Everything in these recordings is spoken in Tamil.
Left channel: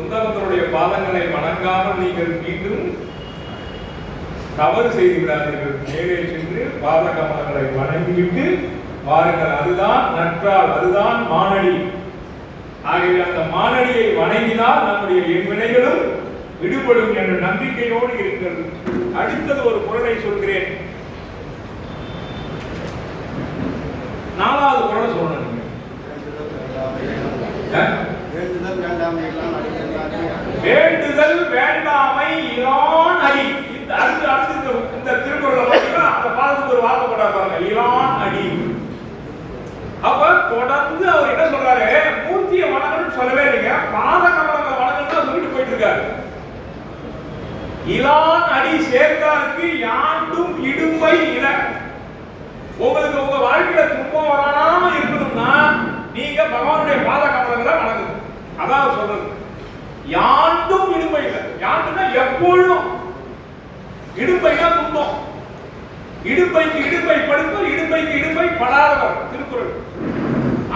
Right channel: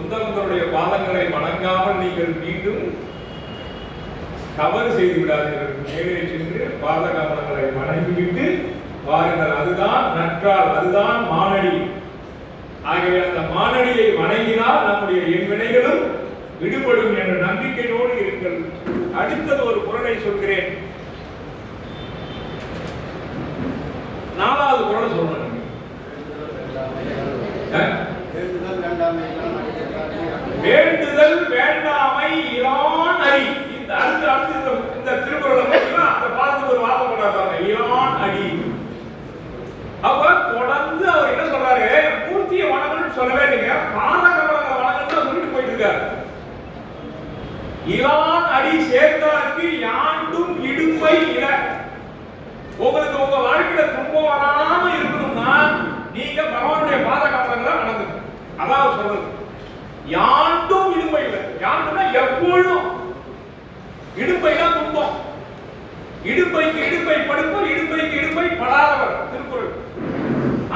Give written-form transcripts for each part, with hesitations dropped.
உத்தமர்களுடைய பாதங்களை வணங்காமல் நீங்கள் மீண்டும் தவறு செய்து விடாதீர்கள். மேலே சென்று பாத கமலங்களை வணங்கிவிட்டு வாருங்கள். அதுதான் நற்றால், அதுதான் மானடி. ஆகவே அந்த மானடியை வணங்கினால் நம்முடைய எண்வினைகளும் விடுபடும் என்ற நம்பிக்கையோடு இருங்கள். அடுத்தது ஒரு குறளை சொல்கிறேன். 4வது குறளை சொல்லணும். வேண்டுதல் வேண்டாமை இலான் அடி. இந்த திருக்குறளை பார்த்தீங்கன்னா அந்த பாதத்துக்கு ஒரு வார்த்தை போட்டாங்க, இலான் அடி. அப்ப தொடர்ந்து அவர் என்ன சொல்றாரு, மூர்த்தியை வணங்கணும்னு சொல்லவே இல்லைங்க, பாத கமலங்களை வணங்கணும்னு சொல்லிட்டு போயிட்டு இருக்காரு. இலான் அடி சேர்ந்தாருக்கு யாண்டும் இடும்பை இல. உங்களுக்கு உங்க வாழ்க்கையில துன்பம் வராம இருக்கணும்னா நீங்க பகவானுடைய பாத கமலங்களை வணங்கணும். அதான் சொல்றது. யாண்டும் இடும்பை இல்லை. யாண்டுனா எப்பொழுதும். இடும்பைனா துன்பம். இடும்பைக்கு இடும்பை படுப்பர், இடும்பைக்கு இடும்பை படாதவர் திருக்குறள்.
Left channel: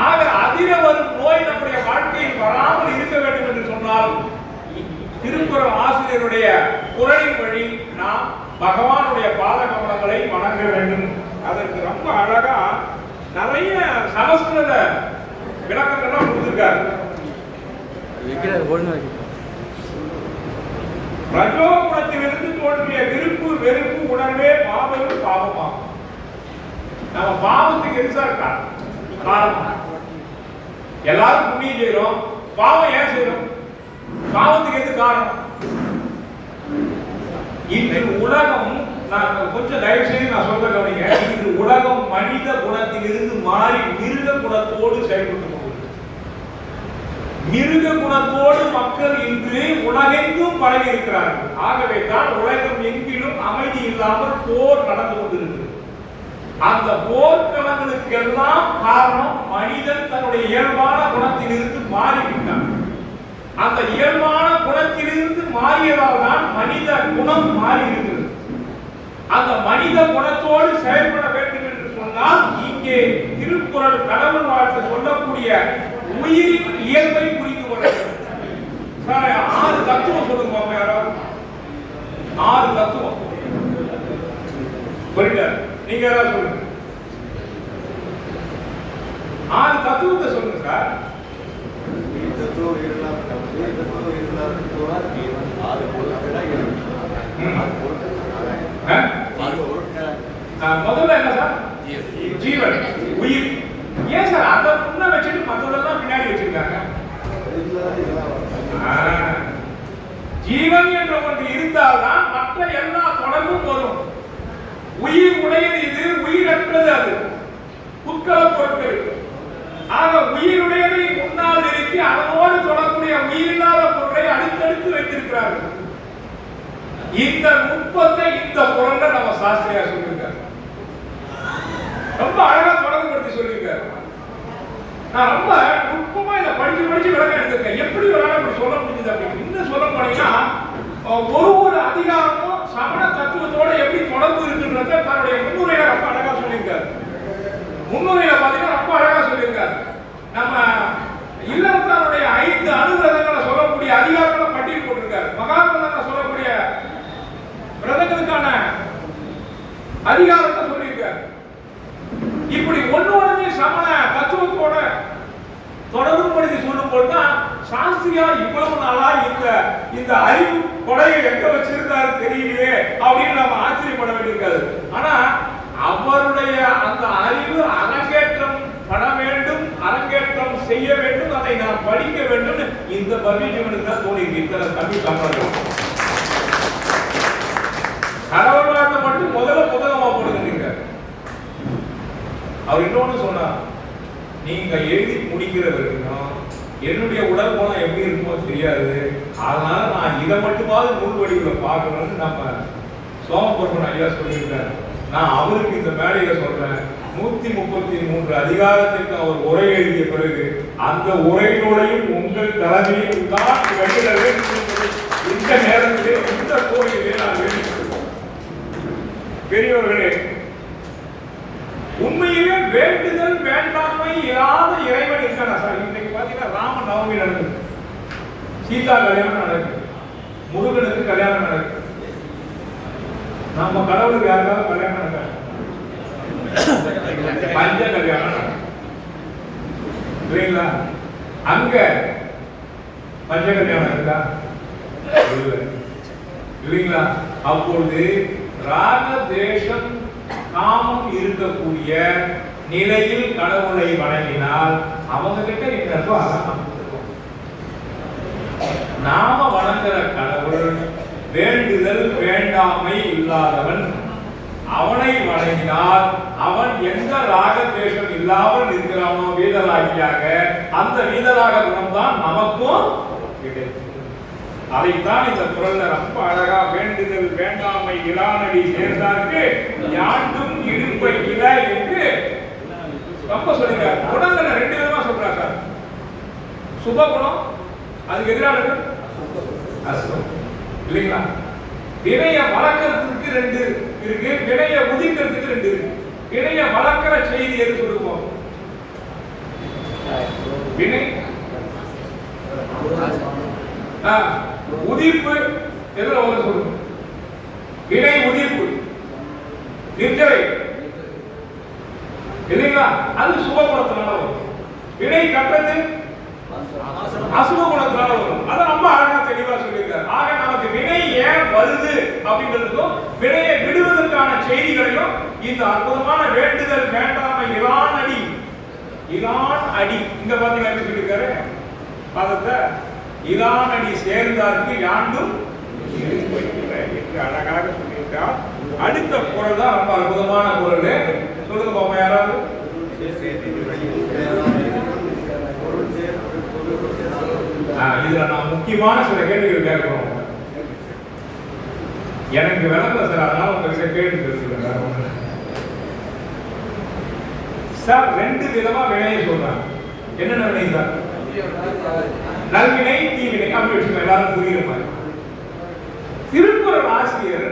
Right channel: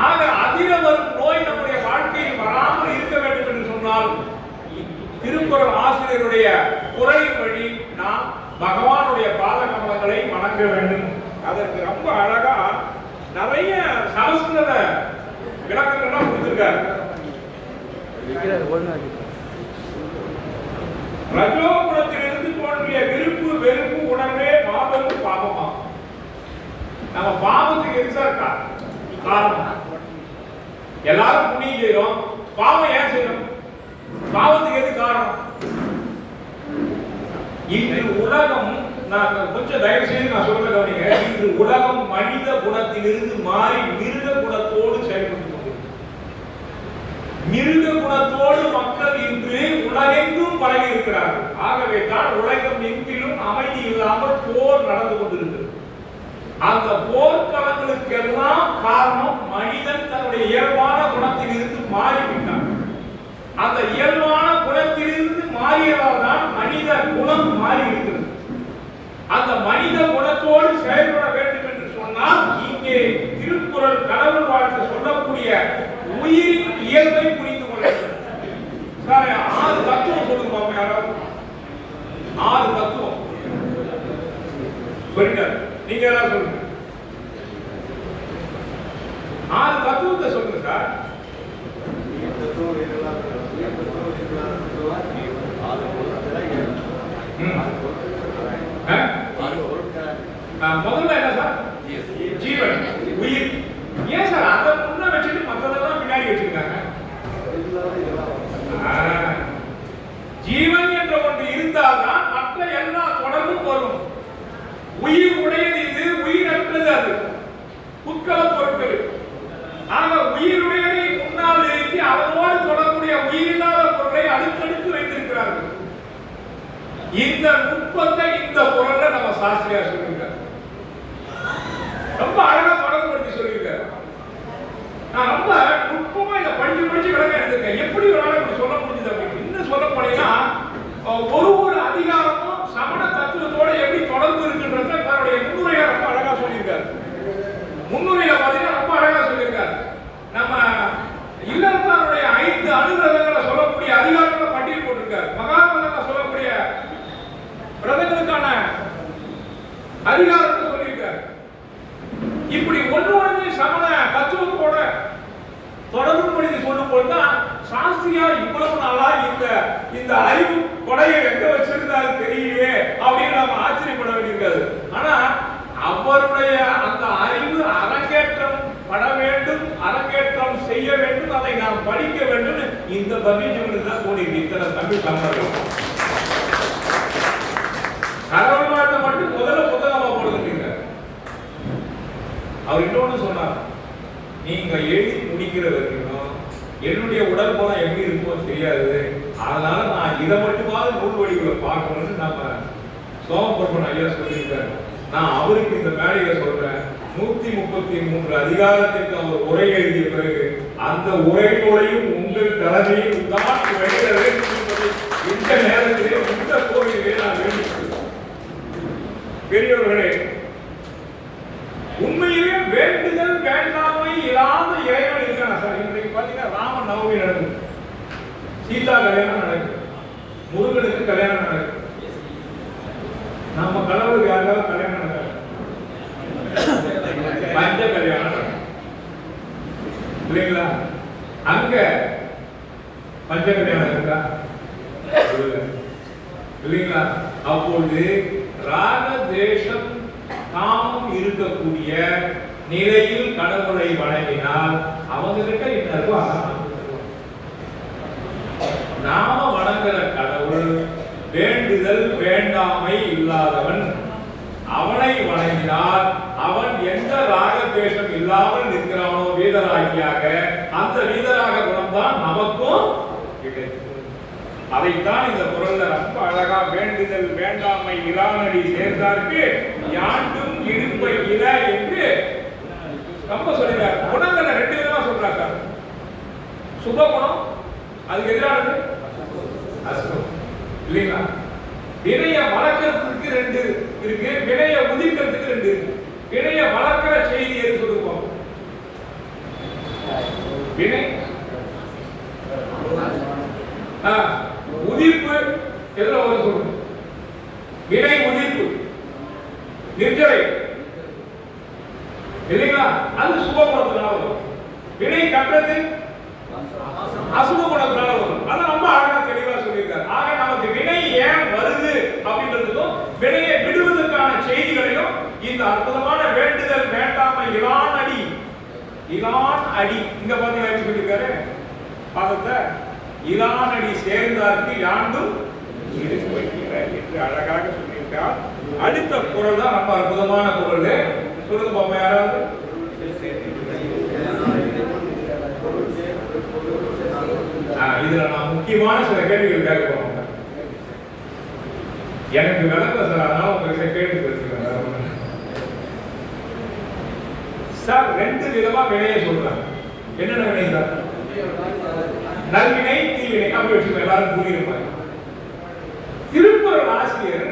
ஆக அதிர வரும் நோய் நம்முடைய வாழ்க்கையில் வராமல் இருக்க வேண்டும் என்று சொன்னால் திருக்குறள் ஆசிரியருடைய குறளின் வழி நாம் பகவானுடைய பாத கமலங்களை வணங்க வேண்டும். அதற்கு ரொம்ப அழகா நிறைய சமஸ்கிருத விளக்கங்கள்லாம் கொடுத்திருக்காரு. ரஜோகுணத்திலிருந்து தோன்றிய விருப்பு வெறுப்பு உணர்வே பாவமும் பாவமாகும். நம்ம பாவத்துக்கு எது சார் காரணம்? எல்லாரும் புண்ணியம் செய்யறோம், பாவம் ஏன் செய்யறோம்? பாவத்துக்கு எது காரணம்? இன்று உலகம், நான் கொஞ்சம் தயவு செய்து நான் சொல்றத கவனிங்க. இன்று உலகம் மனித குணத்திலிருந்து மாறி மிருக குணத்தோடு செயல்பட்டு மிருக குணத்தோடு மக்கள் இன்று உலகெங்கும் பரவி இருக்கிறார்கள். ஆகவே தான் உலகம் எங்கிலும் அமைதி இல்லாமல் போர் நடந்து கொண்டிருக்கிறது. அந்த போர்க்களங்களுக்கு எல்லாம் காரணம் மனிதன் தன்னுடைய இயல்பான குணத்திலிருந்து மாறிவிட்டான். அந்த இயல்பான குணத்திலிருந்து மாறியதால் தான் மனித குணம் மாறி இருக்கிறது. அந்த மனித குணத்தோடு செயல்பட வேண்டும் என்று சொன்னால் இங்கே திருக்குறள் கடவுள் வாழ்த்து சொல்லக்கூடிய உயிரின் இயல்பை புரிந்து கொள்ள வேண்டும். 6 தத்துவம் சொல்லுங்க பாப்பா. யாராவது 6 தத்துவம் புரியுதா? நீங்க யாராவது சொல்லுங்க. 6 தத்துவத்தை சொல்லுங்க சார். முதல்ல என்ன சார்? ஜீவன், உயிர். ஏன் சார் அதை முன்ன வச்சுட்டு மற்றதெல்லாம் பின்னாடி வச்சிருக்காங்க? ஜீவன் என்ற ஒன்று இருந்தால்தான் மற்ற எல்லா தொடர்பும் வரும். உயிர் உடையது இது, உயிரற்றது அது. புட்கள பொருட்கள். ஆக உயிருடையதை முன்னால் நிறுத்தி அதனோடு தொடர்புடைய உயிரில்லாத பொருளை அடுத்தடுத்து வைத்திருக்கிறார்கள். இந்த நுட்பத்தை இந்த குறள்ல நம்ம சாஸ்திரியார் சொல்லியிருக்கார். ரொம்ப அழகா தொடர்புபடுத்தி சொல்லியிருக்கார். நான் ரொம்ப நுட்பமா இதை படிச்சு விளக்கம் எடுத்திருக்கேன். எப்படி ஒரு இப்படி சொல்ல முடிஞ்சது அப்படின்னு இன்னும் சொல்ல போனீங்கன்னா ஒரு அதிகாரமும் சமண தத்துவத்தோட எப்படி தொடர்பு இருக்குன்றத தன்னுடைய முன்னுரையில ரொம்ப அழகா சொல்லியிருக்காரு. முன்னுரையில பாத்தீங்கன்னா ரொம்ப அழகா சொல்லியிருக்காரு. நம்ம இல்லறத்தாருடைய 5 அனுவிரதங்களை சொல்லக்கூடிய அதிகாரங்களை பட்டியல் போட்டிருக்காரு. மகாத்மதங்களை சொல்லக்கூடிய விரதங்களுக்கான அதிகாரத்தை சொல்லியிருக்காரு. இப்படி ஒன்று சமண தத்துவத்தோட தொடர்பு படுத்தி சொல்லும் போதுதான் சாஸ்திரியார் இவ்வளவு நாளா இந்த அறிவு கொடையை எங்க வச்சிருந்தாரு தெரியலையே அப்படின்னு நம்ம ஆச்சரியப்பட வேண்டியிருக்காது. ஆனா அவருடைய அந்த அறிவு அரங்கேற்றம் பட வேண்டும், அரங்கேற்றம் செய்ய வேண்டும், அதை நாம் படிக்க வேண்டும். இந்த பர்வீஜனுக்கு தான் தோணி இத்தனை தமிழ் தமிழர்கள் கடவுளாட்ட மட்டும் முதல்ல புத்தகமா போடுங்க. அவர் இன்னொன்னு சொன்னார், நீங்க எழுதி முடிக்கிற வரைக்கும் என்னுடைய உடல் போல எப்படி இருக்குமோ தெரியாது, அதனால நான் இதை மட்டுமாவது நூல் வடிவுல பார்க்கணும்னு நம்ம சோமபுரமன் ஐயா சொல்லியிருக்காரு. நான் அவருக்கு இந்த மேடையில சொல்றேன், 133 அதிகாரத்திற்கு அவர் உரை எழுதிய பிறகு அந்த உரையோடையும் உங்கள் தலைமையில் தான் வெளியிட வேண்டும் என்பதை இந்த நேரத்திலே இந்த கோவிலே நான் வேண்டிக் கொள்கிறேன். பெரியவர்களே, உண்மையிலே வேண்டுதல் வேண்டாமை இல்லாத இறைவன் இருக்கான சார். இன்றைக்கு பாத்தீங்கன்னா ராம நவமி நடக்குது. சீதா கல்யாணம் நடக்கும், முருகனுக்கு கல்யாணம் நடக்கும். நம்ம கடவுளுக்கு யாருக்காவது கல்யாணம் நடக்காது, பஞ்ச கல்யாணம் நடக்கும் இல்லைங்களா? அங்க பஞ்ச கல்யாணம் இருக்கா? இல்லைங்களா? அப்பொழுது ராக தேசம் காமம் இருக்கக்கூடிய நிலையில் கடவுளை வணங்கினால் அவங்க கிட்ட என்ன நாம வணங்குற கடவுள் வேண்டுதல் வேண்டாமை இல்லாதவன். அவனை வணங்கினால் அவன் எந்த ராகத்வேஷம் இல்லாமல் இருக்கிறானோ வீதராகியாக, அந்த வீதராக குணம் தான் நமக்கும் கிடைக்கும். அதைத்தான் இந்த குறள்ல ரொம்ப அழகா வேண்டுதல் வேண்டாமை இலானடி சேர்ந்தார்க்கு யாண்டும் இடும்பை இல என்று ரொம்ப சொல்லிட்டார். குணங்களை ரெண்டு விதமா சொல்றார் சார். சுப குணம், அதுக்கு எதிரானது அசுபம் இல்லைங்களா? வினைய வளர்க்கறதுக்கு ரெண்டு இருக்கு, வினைய உதிக்கிறதுக்கு ரெண்டு இருக்கு. வினைய வளர்க்கிற செய்தி எது சொல்லுவோம்? வினை உதிர்ப்பு எதுல வந்து சொல்லுங்க? வினை உதிர்ப்பு நிர்ஜரை இல்லைங்களா? அது சுப குணத்தினால வரும். வினை கற்றது அசுப குணத்தினால வரும். அதை ரொம்ப அழகா தெளிவா சொல்லியிருக்காரு. ஆக நமக்கு வினை ஏன் வருது அப்படின்றதுக்கும் வினையை விடுவதற்கான செய்திகளையும் இந்த அற்புதமான வேண்டுதல் வேண்டாமை இலான் அடி, இலான் அடி இங்க பாத்தீங்கன்னா எப்படி சொல்லியிருக்காரு? பாதத்தை இலான் அடி சேர்ந்தார்க்கு யாண்டும் இடும்பை இல என்று அழகாக சொல்லியிருக்கார். அடுத்த குறள் தான் ரொம்ப அற்புதமான குறள். சொல்லுங்க பாப்பா யாராவது. இதுல நான் முக்கியமான சில கேள்விகள் கேட்கிறோம். எனக்கு விளக்கல சார், அதனால உங்களுக்கு கேள்வி பேசுகிறேன் சார். ரெண்டு விதமா வினையை சொல்றாங்க. என்னென்ன வினை சார்? நல்வினை தீவினை அப்படி வச்சுக்கோங்க, எல்லாரும் புரியுற மாதிரி. திருக்குறள் ஆசிரியர்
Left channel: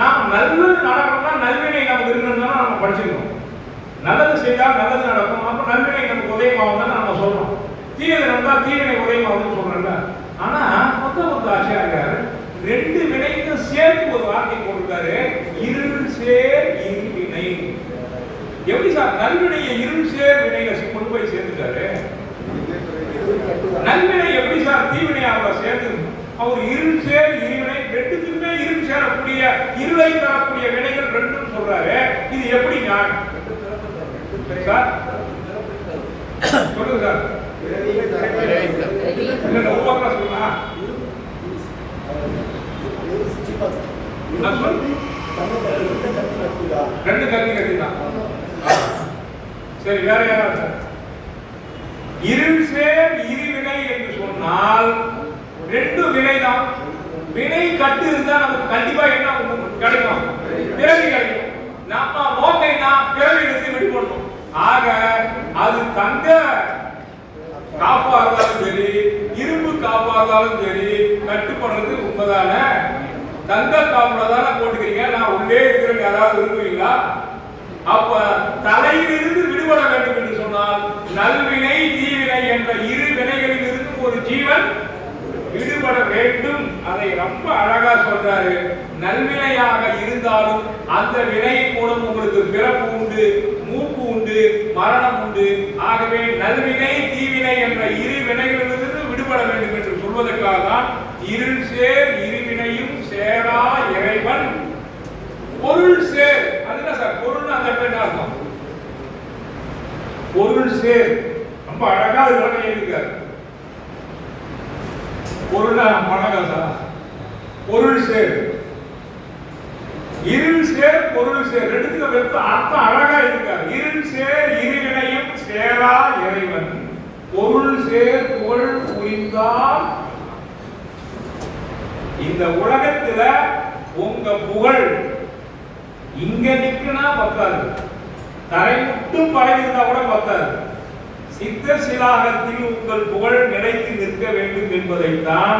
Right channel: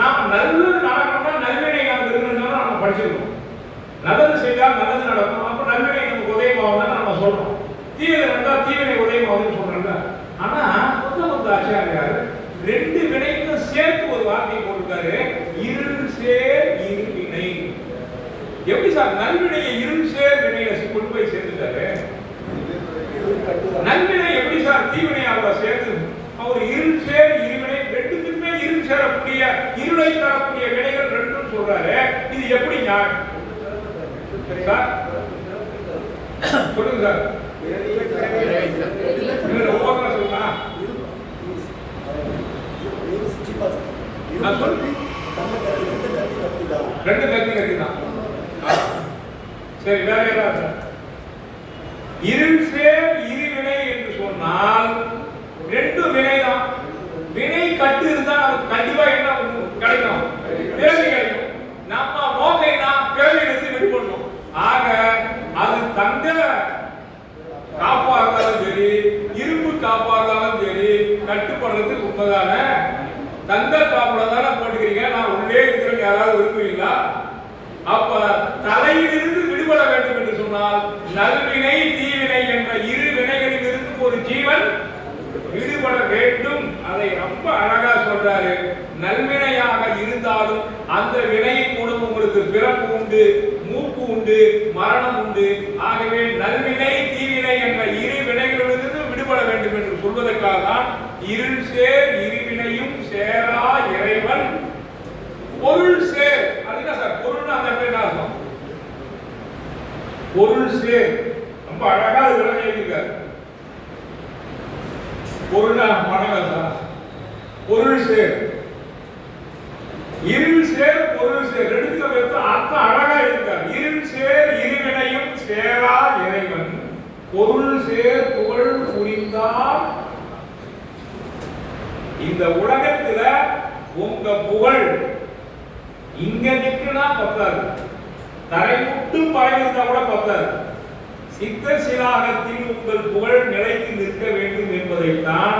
நாம் நல்லது நடக்கணும்னா நல்வினை நமக்கு இருக்கணும்னா நம்ம படிச்சிருக்கோம். நல்லது செய்தால் நல்லது நடக்கும், அப்ப நல்வினை நமக்கு உதயமாகுதுன்னு நம்ம சொல்றோம். தீவினை நடந்தால் தீவினை உதயமாகுதுன்னு சொல்றோம்ல. ஆனா மொத்த ஆச்சாரியார் ரெண்டு வினைக்கும் சேர்த்து ஒரு வார்த்தை போட்டிருக்காரு, இருள் சேர் இருவினை. எப்படி சார் நல்வினையை இருள் சேர் வினையில கொண்டு போய் சேர்த்துட்டாரு? நல்வினை எப்படி சார் தீவினையாக சேர்ந்து அவர் இருள் சேர் இருவினை ரெண்டுக்குமே இருள் சேரக்கூடிய இருளை தரக்கூடிய வினைகள் ரெண்டும் சொல்றாரு. இது எப்படி ஞானம் சார்? சொல்லுங்க சார். ஒவ்வொருத்தரா சொல்லுங்க. ரெண்டு கல்வி கட்டிதான். சரி, வேற யாராவது? இருள் சேர் இருவினை என்று சொன்னால் ரெண்டு வினை தான். வினை கட்டு இருந்தா நமக்கு கண்டிப்பா என்ன கிடைக்கும்? பிறவி கிடைக்கும். நம்ம நோக்கைனா பிறவியிலிருந்து விடுபடணும். ஆக அது தங்க காப்பா இருந்தாலும் சரி, இரும்பு காப்பா இருந்தாலும் சரி, கட்டுப்படுறது உண்மைதானே? தங்க காப்புல தானே போட்டுக்கிறீங்க. நான் உள்ளே இருக்கிற யாராவது விரும்புவீங்களா? அப்ப தலையிலிருந்து விடுபட வேண்டும் என்று சொன்னால் நல்வினை தீவினை என்ற இரு வினைகளில் இருக்கும் ஒரு ஜீவன் விடுபட வேண்டும். அதை ரொம்ப அழகா சொல்றாரு. நல்வினையாக இருந்தாலும் அந்த வினையின் மூலம் உங்களுக்கு பிறப்பு உண்டு, மூப்பு உண்டு, மரணம் உண்டு. ஆகவே நல்வினை தீவினை என்ற இரு வினைகளிலிருந்து விடுபட வேண்டும் என்று சொல்வதற்காக தான் இருள் சேர் இருவினையும் சேரா இறைவன் பொருள் சேர். அதுதான் சார் பொருள். அந்த இடத்துல அர்த்தம் பொருள் சேர் ரொம்ப அழகா எழுதியிருக்காரு. பொருளா மனங்கள் சார். பொருள் சேர் இருள் சேர் பொருள் சேர் ரெண்டுத்துக்கு அர்த்தம் அழகா இருக்காரு. இருள் சேர் இருவினையும் சேரா இறைவன் பொருள் சேர் புகழ் புரிந்தால் இந்த உலகத்துல உங்க புகழ் இங்க நிற்குனா பத்தாது, தரை மட்டும் பரவிருந்தா கூட பத்தாது. சித்த சிலாகத்தில் உங்கள் புகழ் நிலைத்து நிற்க வேண்டும் என்பதைத்தான்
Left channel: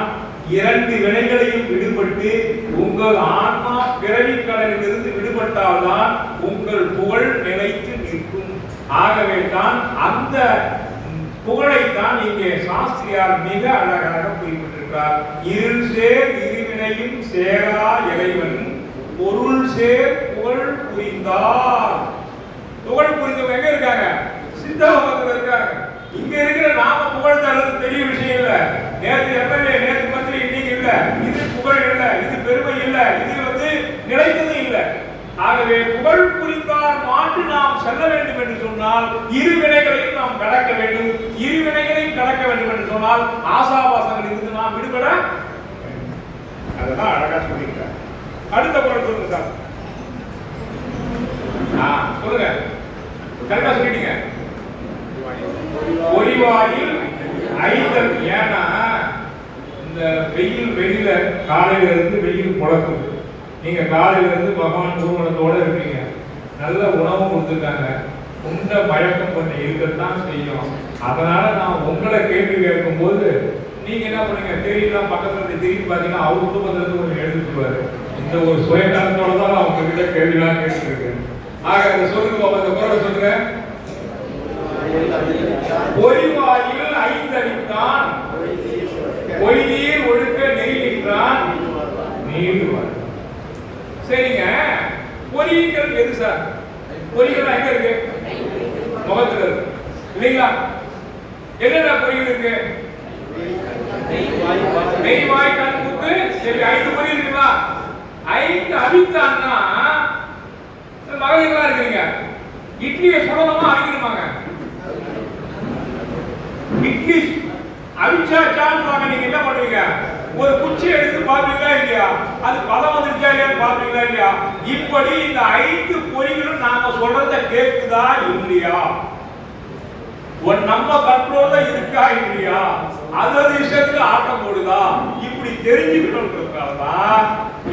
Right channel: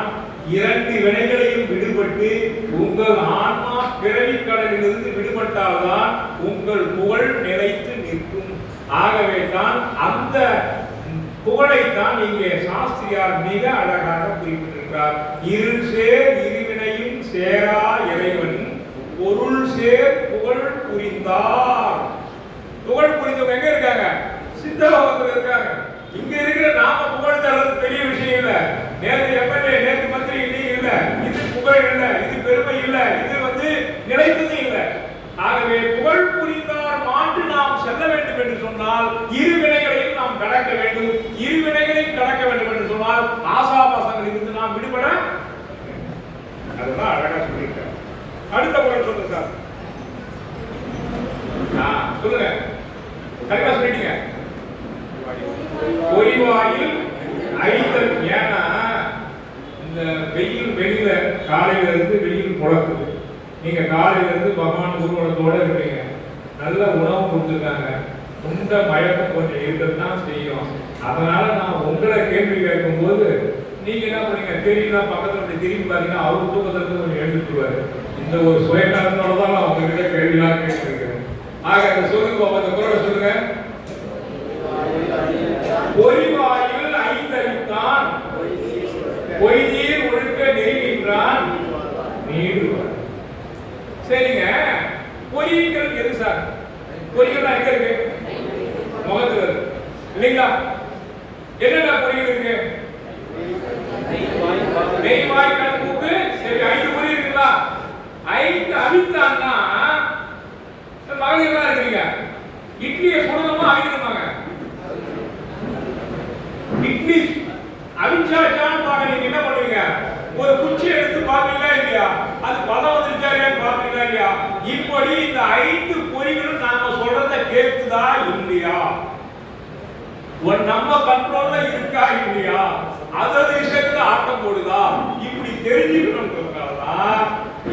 இரண்டு வினைகளையும் விடுபட்டு உங்கள் ஆன்மா பிறவி கடலிலிருந்து விடுபட்டால்தான் உங்கள் புகழ் நிலைத்து நிற்கும். ஆகவே தான் அந்த புகழைத்தான் இங்கே சாஸ்திரியார் மிக அழகாக குறிப்பிட்டிருக்கிறார். இருள் சேர் இருவினையும் சேரா இறைவன் பொருள் சேர் புகழ் புரிந்தார். புகழ் புரிந்தவங்க எங்க இருக்காங்க? சித்தலோகத்தில் இருக்காங்க. இங்க இருக்கிற நாம புகழ் தர்றது பெரிய விஷயம் இல்ல. நேற்று எம்எல்ஏ, நேற்று மந்திரி, இன்னைக்கு இல்ல. இது புகழ் இல்ல, இது பெருமை இல்ல, இது நிலைத்தது இல்ல. ஆகவே புகழ் புரிந்தார் மாற்று நாம் செல்ல வேண்டும் என்று சொன்னால் இருவினைகளையும் நாம் கடக்க வேண்டும். இருவினைகளையும் கடக்க வேண்டும் என்று சொன்னால் ஆசாபாசங்களில் இருந்து நாம் விடுபட, அதுதான் அழகா சொல்லியிருக்கார். அடுத்த குறள் சொல்லுங்க சார். சொல்லுங்க, கரெக்டா சொல்லிட்டீங்க. பொறிவாயில் ஐந்தல். ஏன்னா இந்த வெயில் வெளியில காலையில இருந்து வெயில் முழக்குது. நீங்க காலையில இருந்து பகவான் ஊர்வலத்தோட இருப்பீங்க. நல்ல உணவு கொடுத்துருக்காங்க. உண்ட மயக்கம் கொஞ்சம் இருக்கத்தான் செய்யும். அதனால நான் உங்களை கேள்வி கேட்கும் போது நீங்க என்ன பண்ணீங்க? தெரியல, பக்கத்துல அப்படி திரும்பி பாத்தீங்கன்னா அவரு தூக்கத்துல கொஞ்சம் எழுதிட்டுருவாரு. இந்த ஒரு சுயநலத்தோட தான் நான் உங்ககிட்ட கேள்விலாம் கேட்டுருக்கேன். ஆக அதை சொல்லுங்க பாப்பா, இந்த குறளை சொல்லுங்க. பொறிவாயில் ஐந்தறித்தான் பொய்தீர் ஒழுக்க நெறிகின்றான் நீடுவார். சரிங்க, பொறிகள் எது சார்? பொறிகள் எங்க இருக்கு? முகத்துல இருக்கு இல்லைங்களா? என்னென்ன பொறிகள் இருக்கு? நெய், வாய், கண், மூக்கு. சரி, 5 பொறி இருக்குங்களா? 5 அவித்தான்னா மகளிர்லாம் இருக்கிறீங்க. இட்லியை சுடணுமா அவிக்கணுமாங்க? இட்லி அவிச்சாச்சான்னு நீங்க என்ன பண்ணுவீங்க? ஒரு குச்சி எடுத்து பாப்பீங்களா இல்லையா? அது பதம் வந்துருச்சா இல்லையா பாப்பீங்களா இல்லையா? இப்படி இந்த 5 பொறிகளும் நாம சொல்றத கேக்குதா இல்லையா? நம்ம கண்ட்ரோல்ல இருக்கா இல்லையா? அதோட இஷ்டத்துக்கு ஆட்டம் போடுதா? இப்படி தெரிஞ்சுக்கணும்ன்றதுனாலதான்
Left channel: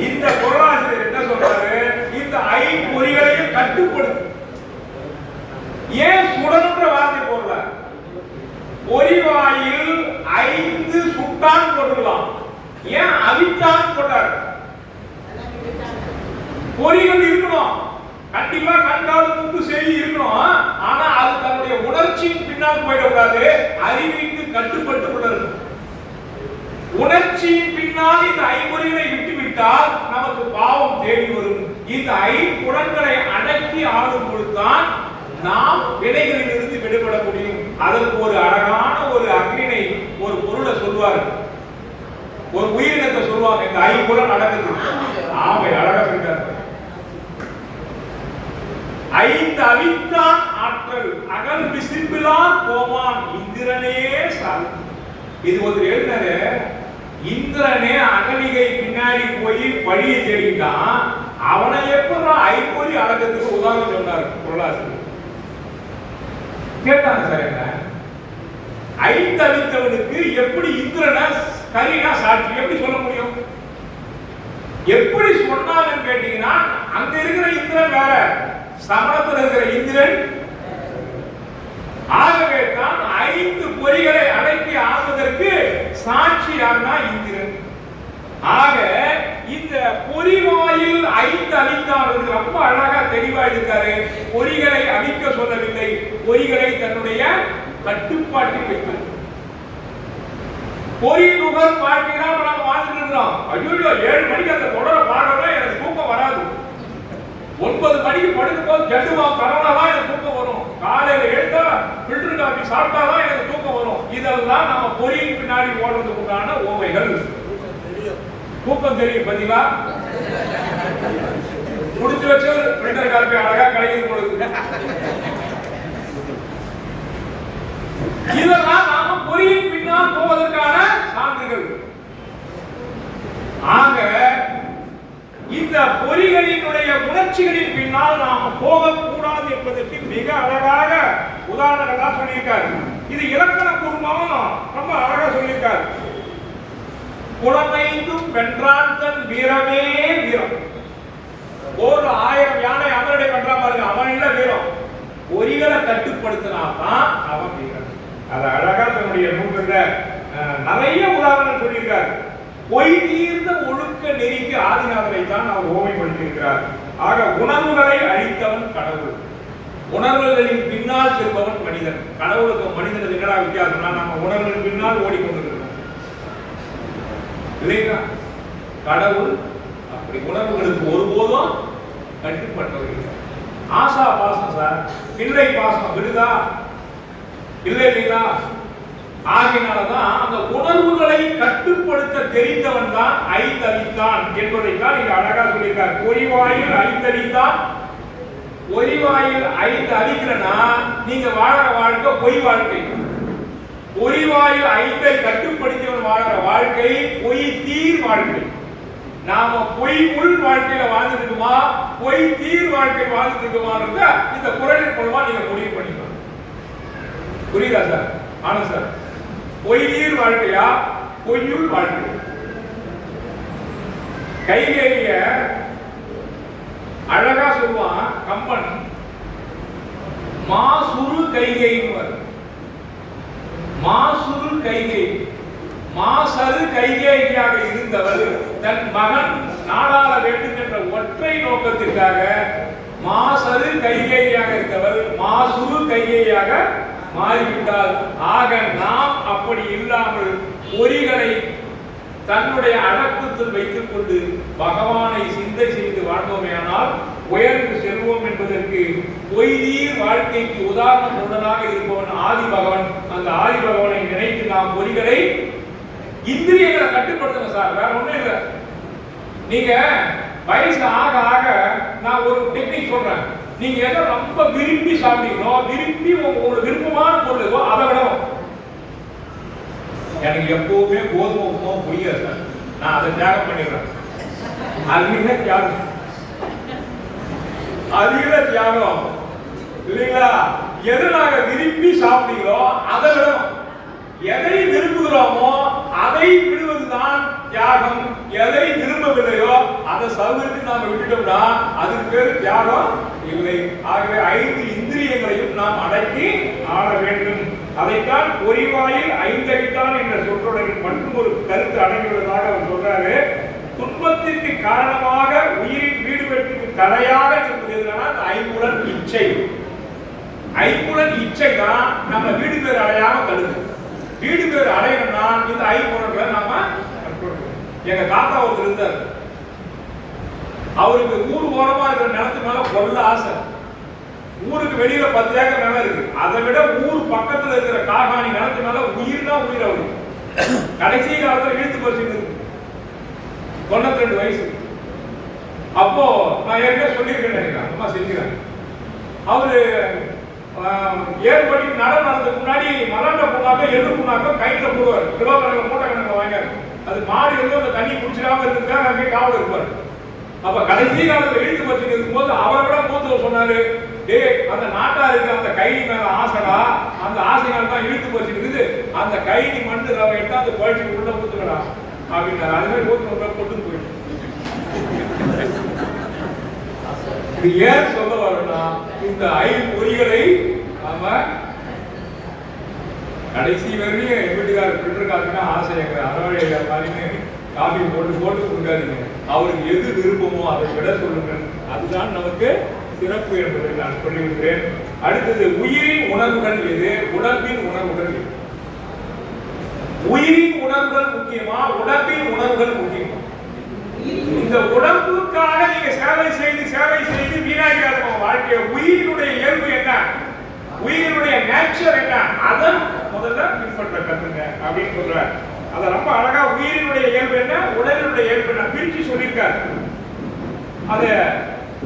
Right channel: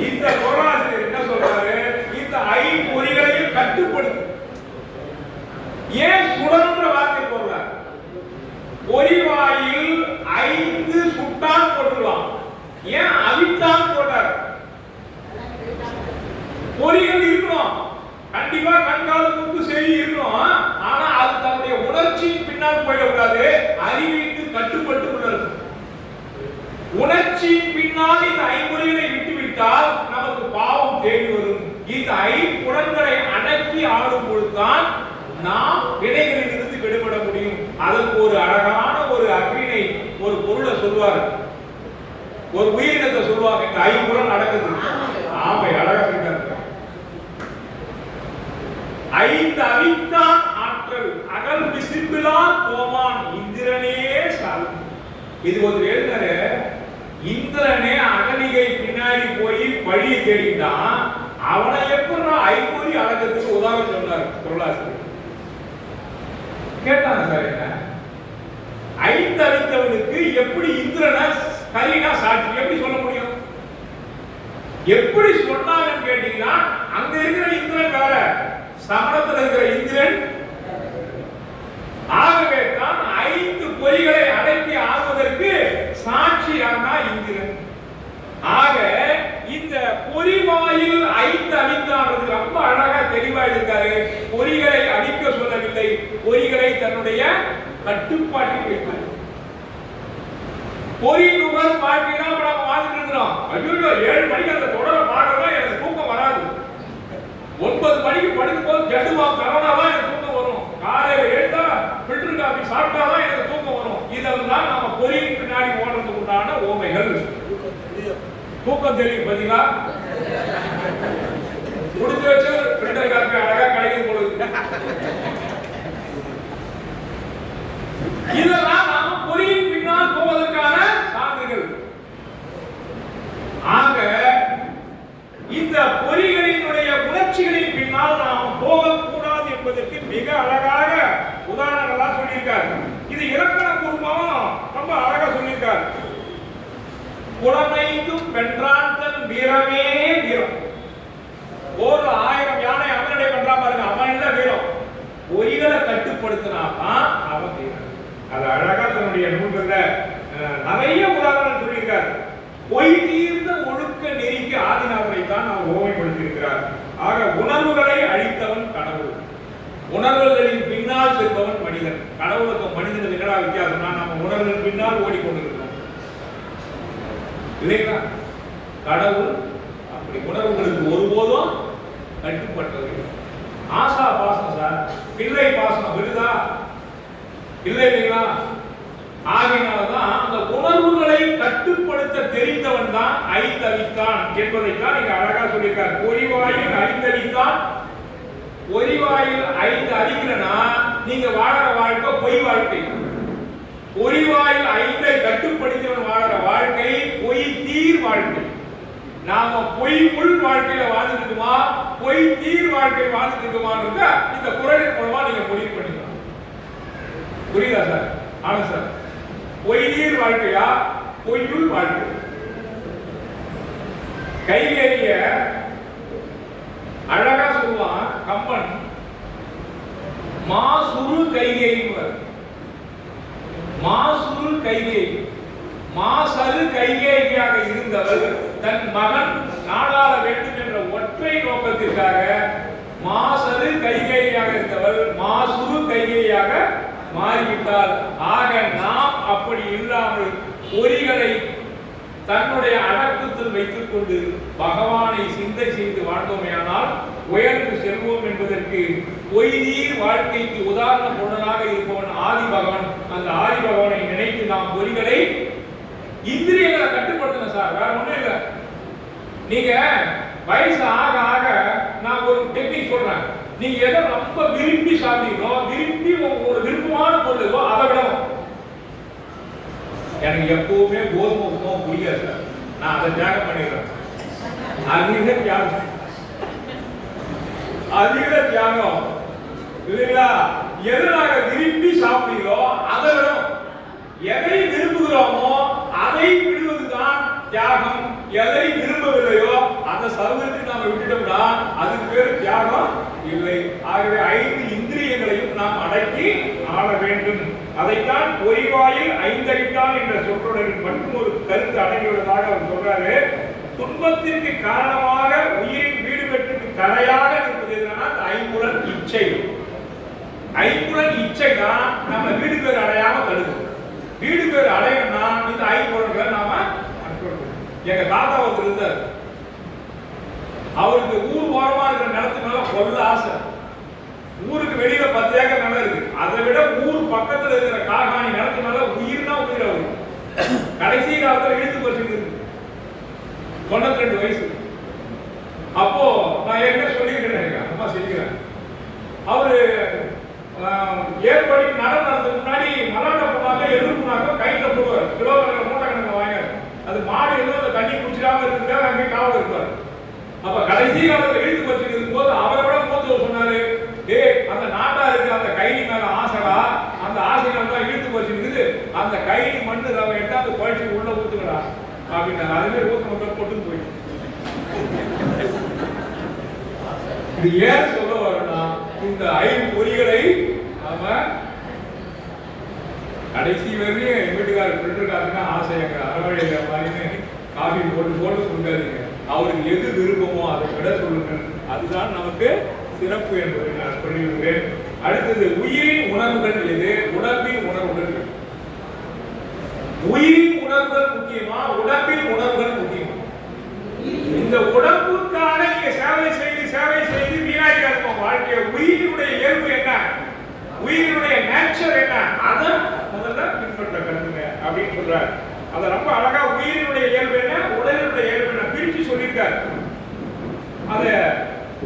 இந்த குறளாசிரியர் என்ன சொல்றாரு? இந்த 5 பொறிகளையும் கட்டுப்படுத்து. ஏன் சுடன்ற வார்த்தை போடல? பொறிவாயில் 5 சுட்டான் போட்டுக்கலாம். ஏன் அவித்தான் போட்டார்? பொறிகள் இருக்கணும், கண்டிப்பா கண்கால் மூக்கு செவி இருக்கணும். ஆனா அது தன்னுடைய உணர்ச்சியின் பின்னால் போயிடக்கூடாது. அறிவிற்கு கட்டுப்பட்டு உள்ளது. உணர்ச்சியின் பின்னால் இந்த 5 பொறிகளை விட்டுவிட்டால் நமக்கு பாவம் தேடி வரும். இந்த 5 புலன்களை அடக்கி ஆளும் பொழுதுதான் நாம் வினைகளில் இருந்து விடுபட முடியும். அதற்கு ஒரு அழகான ஒரு அக்னினை, ஒரு பொருளை சொல்வார், ஒரு உயிரினத்தை சொல்லுவாங்க. இந்த 5 புலன் அடக்குது. ஆமை அழகா சொல்றார். 5 அவித்தான் ஆற்றல் அகல் விசிம்பிலான் போவான் இந்திரனே சால். இது ஒரு எழுதினாரு. இந்திரனே அகலிகை பின்னாடி போய் வழியை தேடிட்டான். அவனை எப்படி 5 பொறி அடக்கத்துக்கு உதாரணம் சொன்னார் பொருளாசிரியர். கேட்டாங்க சார், என்ன 5 அவித்தவனுக்கு எப்படி இந்திரனை கரினா சாட்சி எப்படி சொல்ல முடியும்? எப்படி சொன்னாங்கன்னு கேட்டீங்கன்னா, அங்க இருக்கிற இந்திரன் வேற, சமணத்தில் இருக்கிற இந்திரன். ஆகவே தான் 5 பொறிகளை அடக்கி ஆள்வதற்கு சாட்சி யார்னா இந்திரன். ஆக இந்த பொறிவாயில் 5 அழித்தானது ரொம்ப அழகா தெளிவா இருக்காரு. பொறிகளை அழிக்க சொல்லவில்லை, பொறிகளை தன்னுடைய கட்டுப்பாட்டில் வைத்தார். பொறி நுகர் வாழ்க்கைனா நம்ம வாழ்ந்துட்டு இருக்கிறோம். ஐயோ 7 மணிக்கு அந்த தொடரை பார்க்கணும், எனக்கு தூக்கம் வராது. 9 மணிக்கு படுக்கும் போது ஜட்டுவா கரோனா தான் எனக்கு தூக்கம் வரும். காலையில எழுந்தா ஃபில்டர் காபி சாப்பிட்டா தான் எனக்கு தூக்கம் வரும். இதெல்லாம் நம்ம பொறியின் பின்னாடி ஓடுறதுக்கு உண்டான ஓமைகள். தூக்கம் தெரியும் பாத்தீங்களா? முடிஞ்சு வச்சு ஃபில்டர் காபி அழகா கிடைக்கும் பொழுது இதெல்லாம் நாம பொறியின் பின்னால் போவதற்கான சான்றுகள். ஆக இந்த பொறிகளினுடைய உணர்ச்சிகளின் பின்னால் நாம் போகக்கூடாது என்பதற்கு மிக அழகாக உதாரணங்களா சொல்லியிருக்காரு. இது இலக்கண பூர்வமும் ரொம்ப அழகா சொல்லியிருக்காரு. குளமைந்தும் வென்றான் தன் வீரமே வீரம். போர்ல 1000 யானை அவனுடைய வென்றா பாருங்க, அவன் இல்ல வீரம். பொறிகளை கட்டுப்படுத்தினாதான் அவன் வீரன். அது அழகா தன்னுடைய நூல்கள்ல நிறைய உதாரணம் சொல்லியிருக்காரு. பொய் தீர்ந்த ஒழுக்க நெறிக்கு ஆதிநாதனை தான் அவர் ஓமைப்படுத்தியிருக்கிறார். ஆக உணர்வுகளை அழித்தவன் கடவுள். உணர்வுகளின் பின்னால் பின்னால் செல்பவன் மனிதன். கடவுளுக்கும் மனிதனுக்கு என்னடா வித்தியாசம்னா, நம்ம உணர்வின் பின்னால் ஓடிக்கொண்டிருக்கிறோம் இல்லைங்களா? கடவுள் அப்படி உணர்வுகளுக்கு ஒருபோதும் கட்டுப்பட்டவர்கள். ஆசா பாசம் சார், பிள்ளை பாசம் விடுதா இல்லை இல்லைங்களா? ஆகையினாலதான் அந்த உணர்வுகளை கட்டுப்படுத்த தெரிந்தவன் தான் ஐந்தவித்தான் என்பதைத்தான் நீங்க அழகா சொல்லியிருக்கார். பொறிவாயில் ஐந்தவித்தான். பொறிவாயில் ஐந்து அவிக்கலன்னா நீங்க வாழற வாழ்க்கை பொய் வாழ்க்கை. பொறிவாயில் ஐந்தை கட்டுப்படுத்தியவன் வாழற வாழ்க்கை பொய் தீர் வாழ்க்கை. நாம பொய் உள் வாழ்க்கையில வாழ்ந்துட்டு இருக்குமா, பொய் தீர் வாழ்க்கை வாழ்ந்துட்டு இருக்குமான்னு இந்த குறளின் மூலமா நீங்க முடிவு பண்ணிக்கலாம். புரியுதா சார்? ஆனா சார், பொய்நீர் வாழ்க்கையா பொய்யுள் வாழ்க்கை? கைகேய அழகா சொல்லுவான் கம்பன், மாசுரு கைகேயின்னு. மாசுரு கைகை, மாசரு கைகேயாக இருந்தவர் தன் மகன் நாடாள வேண்டும் என்ற ஒற்றை நோக்கத்திற்காக மாசரு கைகேயாக இருந்தவர் மாசுரு கைகேயாக மாறிவிட்டார். ஆக நாம் அப்படி இல்லாமல் பொறிகளை தன்னுடைய அடக்கத்தில் வைத்துக் கொண்டு பகவானை சிந்தை செய்து வாழ்ந்தோமேயானால் உயர்ந்து செல்வோம் என்பதற்கு பொய்நீர் வாழ்க்கைக்கு உதாரண பொருளாக இருப்பவன் ஆதி பகவான். அந்த ஆதி பகவானை நினைத்து நாம் பொறிகளை இந்திரியங்களை கட்டுப்படுத்தணும் சார், வேற ஒண்ணும் இல்லை. நீங்க வயசு ஆக ஆக நான் ஒரு டெக்னிக் சொல்றேன். நீங்க எதை ரொம்ப விரும்பி சாப்பிட்டீங்களோ, விரும்பி உங்களுக்கு விருப்பமான பொருளோ அதை விடவும். எனக்கு எப்பவுமே கோதுமை உப்புமாவும் பிடிக்காது சார், நான் அதை தியாகம் பண்ணிடுறேன். அதிக தியாகம், அதிக தியாகம் இல்லைங்களா? எதை நாங்க விரும்பி சாப்பிட்டீங்களோ அதை விடவும். எதை விரும்புகிறோமோ அதை விடுவதுதான் தியாகம். எதை விரும்பவில்லையோ அதை சர்வத்துக்கு நாம விட்டுட்டோம்னா அதுக்கு பேரு தியாகம் இல்லை. ஆகவே ஐந்து இந்திரியங்களையும் நாம் அடக்கி ஆள வேண்டும். அதைத்தான் பொறிவாயில் ஐந்தவித்தான் என்ற சொற்றொடரில் மட்டும் ஒரு கருத்து அடங்கியுள்ளதாக அவர் சொல்றாரு. துன்பத்திற்கு காரணமாக உயிரின் வீடு பெற்றுக்கு தடையாக இருப்பது எதுனா அந்த ஐம்புலன் இச்சை. ஐம்புலன் இச்சை தான் நம்ம வீடு பேர் அடையாம தடுக்கும். வீடு பேர் அடையணும்னா இந்த ஐம்புலன்களை நாம கண்ட்ரோல் பண்ணணும். எங்க தாத்தா ஒருத்தர் இருந்தார், அவருக்கு ஊர் ஓரமா இருக்கிற நிலத்து மேல கொள்ள ஆசை. ஊருக்கு வெளியில 10 ஏக்கர் நிலம் இருக்கு, அதை விட ஊர் பக்கத்துல இருக்கிற காகாணி நிலத்து மேல உயிர்னா உயிர். அவருக்கு கடைசி காலத்துல இழுத்து போச்சு, 92 வயசு. அப்போ நான் ஏற்கனவே சொல்லியிருக்கேன், அம்மா செஞ்சுக்கிறேன். அவரு ஏற்படி நடந்ததுக்கு முன்னாடி மலர்ந்த புண்ணாக்க எள்ளு புண்ணாக்க கையில போடுவார், கிலோ கணக்கு மூட்டை கணக்கு வாங்க. அது மாடு எதுவும் அந்த தண்ணி குடிச்சிடாம இருக்கிறதுக்காக அங்கே காவல் இருப்பார். அப்ப கடைசி காலத்துல இழுத்து பச்சு இருக்கும்போது அவரை விட மூத்தவர் சொன்னாரு, டே அந்த நாட்டா இருக்க அந்த கைனி மேல ஆசைடா, அந்த ஆசைகள் தான் இழுத்து பச்சு இருக்குது, அந்த கைனி மண்ணு அவன் எட்டாவது குழச்சிக்கு உள்ள ஊத்துக்கடா அப்படின்னா அது மாதிரி ஊத்து பொட்டுன்னு போயிடுச்சு. இது ஏன் சொல்ல வரோம்னா, இந்த ஐம்பொறிகளை நாம கடைசி வரையும் என் வீட்டுக்காரர் ஃபில்டர் காஃபினா ஆசை, எங்க அறவழை மாதிரின்னு காஃபி போட்டு போட்டு கொடுக்காதீங்க. அவருக்கு எது விருப்பமோ அதை விட சொல்லுங்கள், அதுதான் நமக்கு சிறப்பு என்பதை நான் சொல்லிவிடுகிறேன். அடுத்தது உயிரின் உணர்வுகள் எது, உடம்பின் உணர்வுகள் எது? உயிரின் உணர்வுகள் முக்கியமா, உடம்பின் உணர்வுகள் முக்கியமா? இந்த உடம்புக்காக நீங்க சேவை செய்து வீணாக்காத வாழ்க்கைய உயிரினுடைய இயல்பு என்ன, உயிரினுடைய நேச்சர் என்ன, அதை முதல்ல பின்பற்ற கத்துங்க அப்படின்னு சொல்றார். அத ரொம்ப அழகா உயிரினுடைய இயல்பு என்ன, உடலினுடைய இயல்பு என்ன பிரிச்சு சொல்லியிருக்கார். அத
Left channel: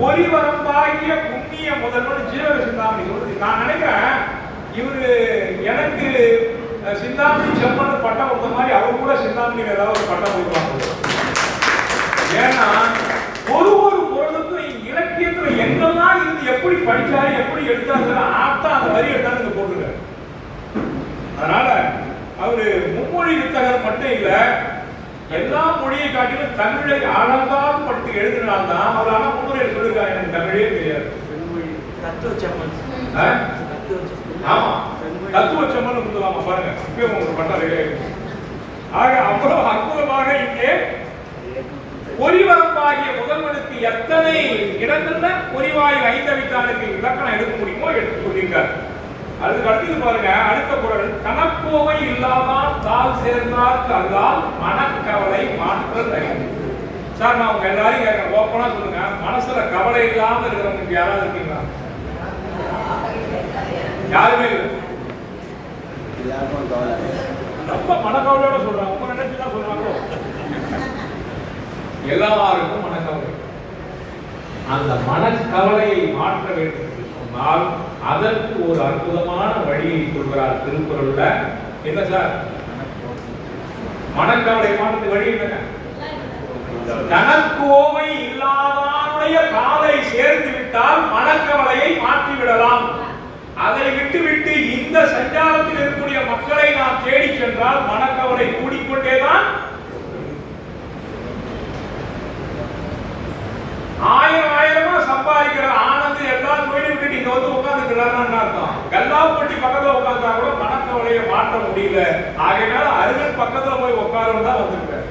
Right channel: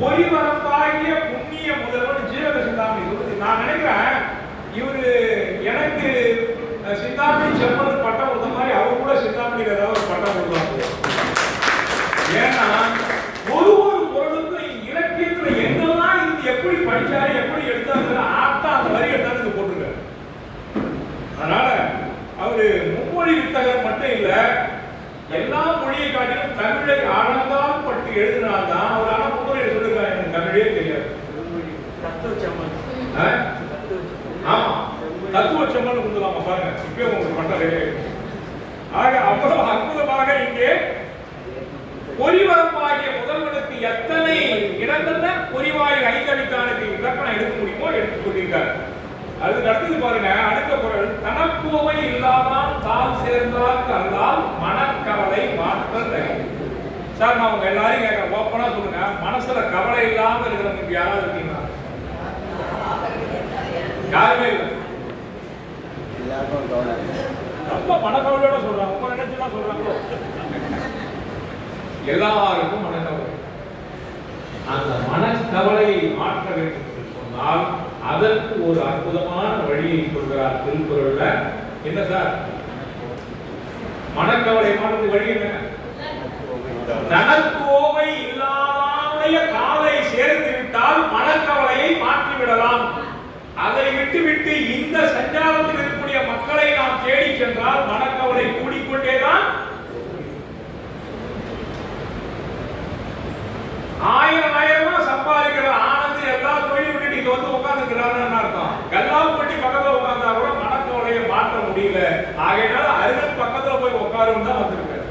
ஒளிவரம்பாகிய புண்ணிய முதல்வன் ஜீவக சிந்தாமணி சொல்றது. நான் நினைக்கிறேன் இவரு எனக்கு சிந்தாமணி செம்மன் பட்டம் கொடுத்த மாதிரி அவர் கூட சிந்தாமணிக்கு ஏதாவது ஒரு பட்டம் கொடுக்குறாங்க. ஏன்னா ஒரு பொருளுக்கும் இலக்கியத்துல எங்கெல்லாம் இருந்து எப்படி படிச்சாரு எப்படி எடுத்தாரு ஆத்தா அந்த வரி எடுத்தாங்க போட்டிருக்காரு. அதனால அவரு மும்மொழி வித்தகர் மட்டும் இல்ல, எல்லா மொழியை காட்டிலும் தமிழை ஆழந்தான் பட்டு எழுதினால்தான் அவரால் முன்னுரையை சொல்லிருக்காரு. எனக்கு தமிழே தெரியாது. ஆமா, தத்துவ செம்மன் கொடுத்துலாமா பாருங்க, இப்பவே உங்களுக்கு பட்டம் ரெடி ஆயிடுச்சு. ஆக அவ்வளவு அற்புதமாக இங்கே பொறிவரம்பாகிய முதல்வனுக்கு எத்தனை இடங்கள்ல பொறிவாயில் ஐந்தவித்தானுக்கு இலக்கணம் எடுக்க முடியுமோ எடுத்து சொல்லியிருக்கார். அதுக்கு அடுத்தது பாருங்க, அடுத்த குறள், தனக்கோவை இல்லாதான் தால் சேர்ந்தார்க்கு அல்லால் மனக்கவலை மாற்றல் அறிவு. சார் நான் உங்க எல்லாரையும் கேட்கிறேன், ஓப்பனா சொல்லுங்க, மனசுல கவலை இல்லாம இருக்கிறவங்க யாராவது இருக்கீங்களா? யாருமே இல்லை. ரொம்ப மனக்கவலையோட சொல்றாங்க. உங்க நினைச்சுதான் சொல்றாங்களோ? எல்லாருக்கும் மனக்கவலை. அந்த மனக்கவலையை மாற்ற வேண்டும் என்று சொன்னால் அதற்கு ஒரு அற்புதமான வழியை சொல்கிறார் திருக்குறள்ல. என்ன சார் மனக்கவலை மாற்ற வழி? என்ன? தனக்கோவை இல்லாதாருடைய காலை சேர்த்து விட்டால் மனக்கவலையை மாற்றிவிடலாம். அதை விட்டுவிட்டு இந்த சஞ்சாரத்தில் இருக்கக்கூடிய மக்களை நாம் தேடி சென்றால் மனக்கவலை கூடிக்கொண்டேதான். ஆயிரமா சம்பாதிக்கிற ஆனந்த் எல்லா தொழிலும் விட்டு இங்க வந்து உட்கார்ந்துக்கிறான்னு அர்த்தம். கல்லா போட்டி பக்கத்துல உட்கார்ந்தா கூட மனக்கவலையை மாற்ற முடியல. ஆகையினால அருகன் பக்கத்துல போய் உட்காருன்னு தான் வந்திருக்காரு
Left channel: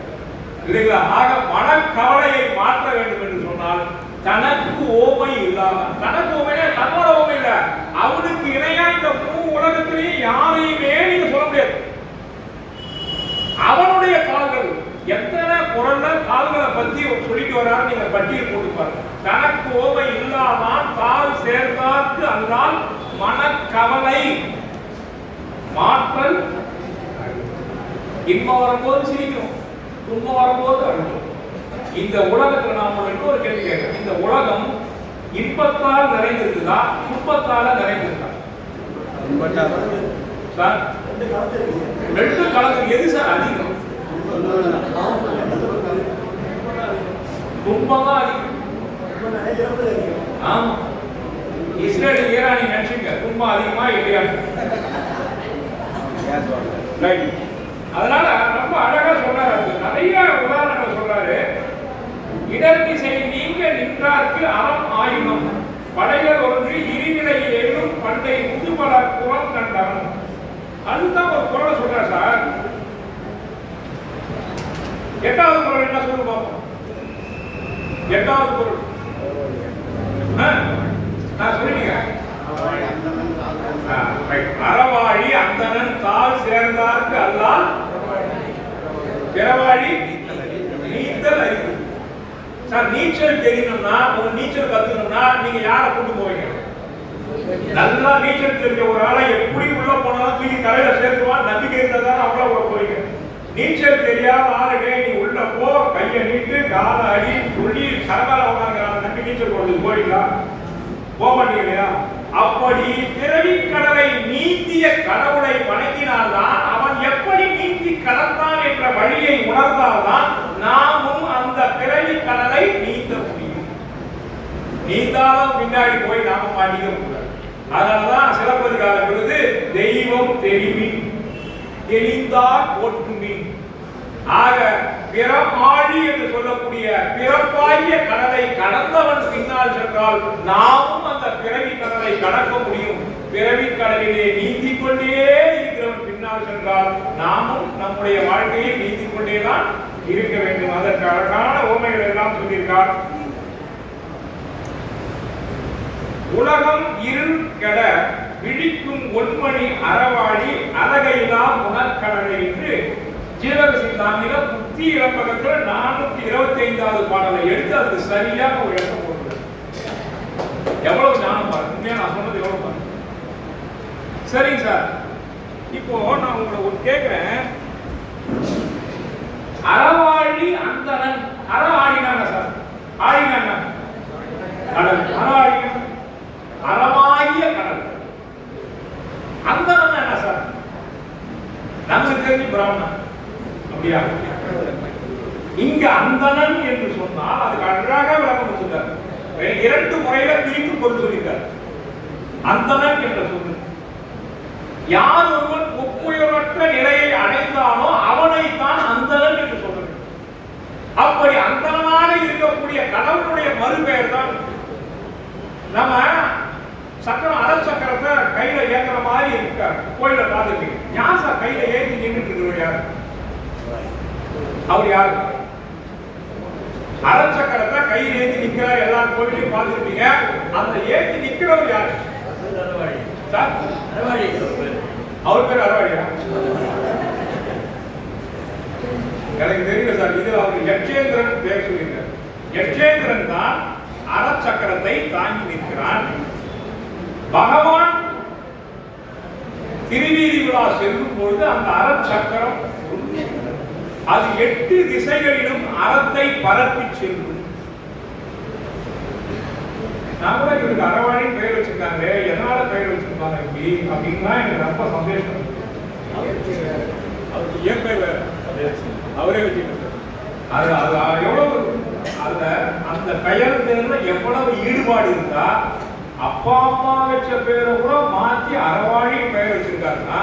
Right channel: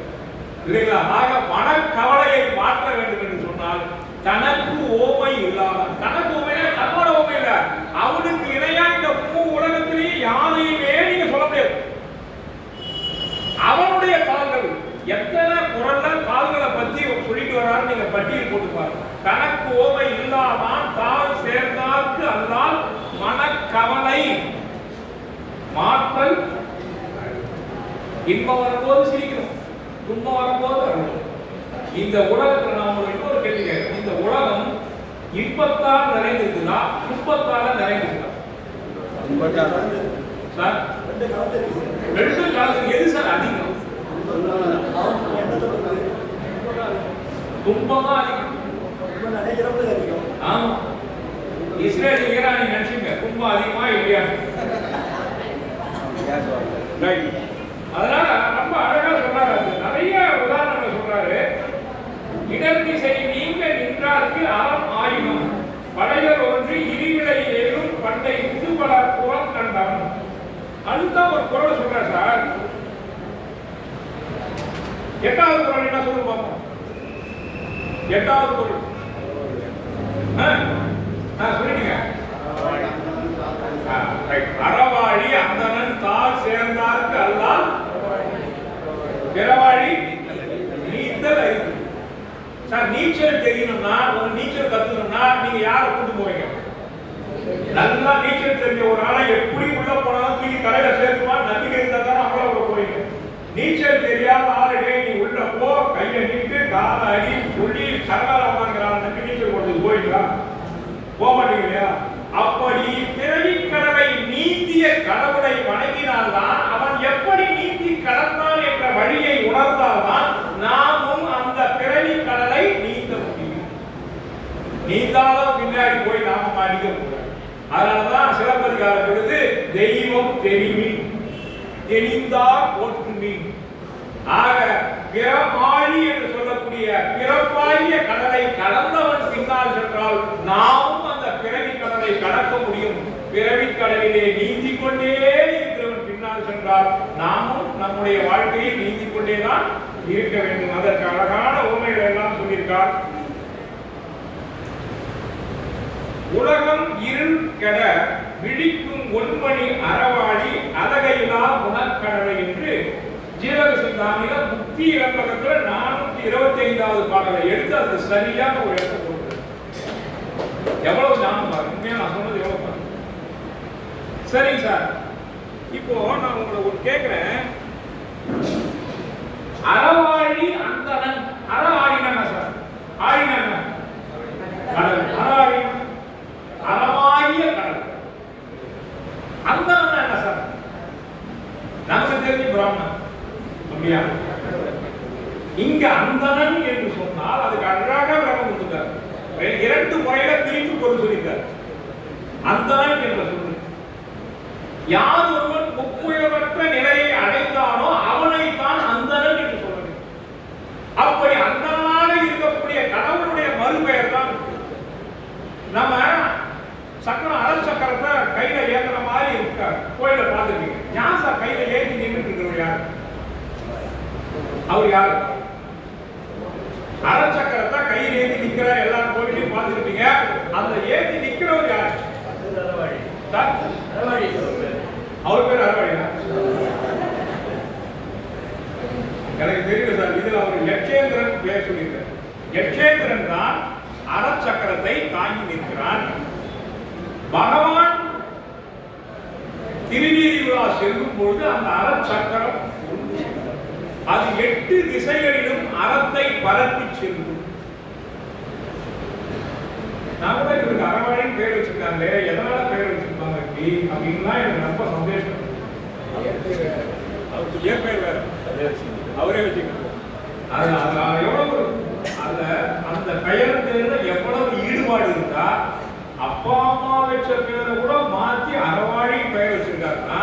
இல்லைங்களா? ஆக மனக்கவலையை மாற்ற வேண்டும் என்று சொன்னால் தனக்கு ஓமை இல்லாதான். தனக்கு ஓமைனா தன்னோட ஓமை இல்ல, அவனுக்கு இணையா இந்த உலகத்திலேயே யாரையுமே நீங்க சொல்ல முடியாது. அவனுடைய கால்கள் எத்தனை குரல்ல கால்களை பத்தி சொல்லிட்டு வர்றாரு, நீங்க பட்டியல் போட்டு பாருங்க. தனக்கு ஓமை இல்லாதான் தால் சேர்ந்தார்க்கு அல்லால் மனக்கவலை மாற்றல். இன்பம் வரும்போது சிரிக்கிறோம், துன்பம் வரும்போது அழுவோம். இந்த உலகத்துல நாம இன்னொரு கேள்வி கேட்கிறோம், இந்த உலகம் இன்பத்தால் நிறைந்திருக்குதா துன்பத்தால நிறைந்திருக்கா? சார் ரெண்டு கலந்து எது சார் அதிகம்? துன்பம் தான் அதிகம். ஆமா, இஸ்ரேல் ஈரானி நினைச்சுங்க, துன்பம் அதிகமா இல்லையா? அதனால ரொம்ப அழகா சொல்றாரு, நிறைய உதாரணங்கள் சொல்றாரு. இடர்திசை நீங்க நின்றார்க்கு அறம் ஆயுதம் படைகள் ஒன்று இருநிலை ஏழும் பண்டை புதுபல புறம் கண்டான். அதுதான் ஒரு குறளை சொல்றார் சார். எட்டாவது குறள் என்ன சொல்லு பார்ப்போம். எட்டாவது குறள் சொல்லிட்டீங்க. அறவாழி அந்தணன் தாள் சேர்ந்தார்க்கு அல்லால் பிறவாழி நீந்தல் அறிவு. சார் நீச்சல் தெரியணும்னா, ஒரு நீச்சல் கத்துக்கணும்னா நீங்க யாரை கூட்டு போவீங்க? நல்லா நீச்சல் தெரிஞ்ச ஒரு ஆளை எப்படி உள்ள போனாலும் தூக்கி கரையில சேர்த்துவான் நம்பிக்கை இருந்தாதான் அவ்வளவு உள்ள போவீங்க. நீச்சல் தெரியாத ஆளுடே நீ உள்ள போ, கையை நீட்டு காலை அடி சொல்லி சரகால உட்காந்துக்கிறான் நம்பி நீச்சல் போடுறது போவீங்களா? போக மாட்டீங்க இல்லையா? அப்படி பிறவி கடலை நீந்திய கடவுளை வணங்கினால்தான் அவன் எப்படி நீந்தி கடந்தான் என்ற வழியை உணர்ந்தால்தான் நாமும் அந்த பிறவி கடலை நீந்த முடியும். நீந்தாலும் பின்னாடி போய் நாம மாட்டிக்க கூடாது. அதனாலதான் சிலப்பதிகாரம் பொழுது தெய்வம் தெரிவின் தெளிந்தார் போற்றுமின். ஆக பிறப்பாழி என்று சொல்லக்கூடிய பிறப்பாகிய கடலை கடந்தவன் பின்னால் சென்றால் நாமும் அந்த பிறவி கடலை கடக்க முடியும். பிறவி கடலிலே நீந்திக் கொண்டே இருக்கிறவன் பின்னால் சென்றால் நாமும் நம்முடைய வாழ்க்கையை நீந்திக் கொண்டேதான் இருக்க வேண்டும். அதற்கு அழகான உவமைகள் எல்லாம் சொல்லியிருக்கார். உலகம் இருள் கெட விழிக்கும் ஒன்மணி அறவாழி அழகையிலா புனற்கடலை என்று ஜீவக சிந்தாமணியில புத்தி இலம்பகத்துல 425வது பாடலை எடுத்து அதுக்கு சரியா ஒரு இடத்தை போடுறாரு. எவ்வளவு ஞானம் பாருங்க, உண்மையா நான் சொன்னது எவ்வளவு பாருங்க. சரிங்க சார், இப்போ நான் உங்களை ஒன்று கேட்கிறேன். அறவாழி அந்தணன், அற ஆடினாங்க சார், ஆடினாங்க கடல், அறவாழி அறவாகிய கடல். அந்தணன் என்ன சார்? நமக்கு தெரிஞ்சு பிராமணன் அப்படியா? இங்க அந்தணன் என்று சொன்னால் அதுக்கு அழகாக விளக்கம் கொடுத்துட்டார். 2 முறையில பிரித்து கொண்டு சொல்லிட்டார். அந்தணன் என்ற சொல்லு யார் ஒருவன் ஒப்புயர்வற்ற நிலையை அடைந்தானோ அவனைத்தான் அந்தணன் என்று சொல்ல வேண்டும். அப்படி அந்தணனாக இருக்கக்கூடிய கடவுளுடைய மறுபெயர் தான் நம்ம சக்கரம். அடல் சக்கரத்தை கையில ஏத்துற மாதிரி இருக்க கோயில பார்த்துருக்கீங்க. யார் சார் கையில ஏற்றி நின்றுட்டு இருக்கிறவர்? யார் அவர்? யார்? அடல் சக்கரத்தை கையில் ஏற்றி நிற்கிறார். எல்லா கோயிலையும் பார்த்துருப்பீங்க. அந்த ஏற்றி நிற்கிறவர் யாரு? அவர் பேர் அறவாடியா? எனக்கு தெரியல சார். இது அவர் யட்சேந்திரன் பேர் சொல்லியிருக்கார். யட்சேந்திரன் தான் அறச்சக்கரத்தை தாங்கி நிற்கிறான். பகவான் திருவீதி விழா செல்லும் பொழுது அந்த அறச்சக்கரம் அது 8 திசைகளிலும் அறத்தை பரப்பி செல்லும். நான் கூட இவருக்கு அறவாடின்னு பெயர் வச்சிருக்காங்க, எதனால பெயர் வச்சிருப்பாங்க இப்படி அப்படின்லாம் எனக்கு ரொம்ப சந்தேஷம். அவருக்கு ஏன் பெயர் வேற அவரே வச்சுக்கிறது. அது எவ்வளவு அதுல அந்த பெயர் பேர்ல எவ்வளவு ஈடுபாடு இருந்தா அப்பா அம்மா வச்ச பேரை கூட மாற்றி அறவாழி பெயர் வச்சிருக்காருன்னா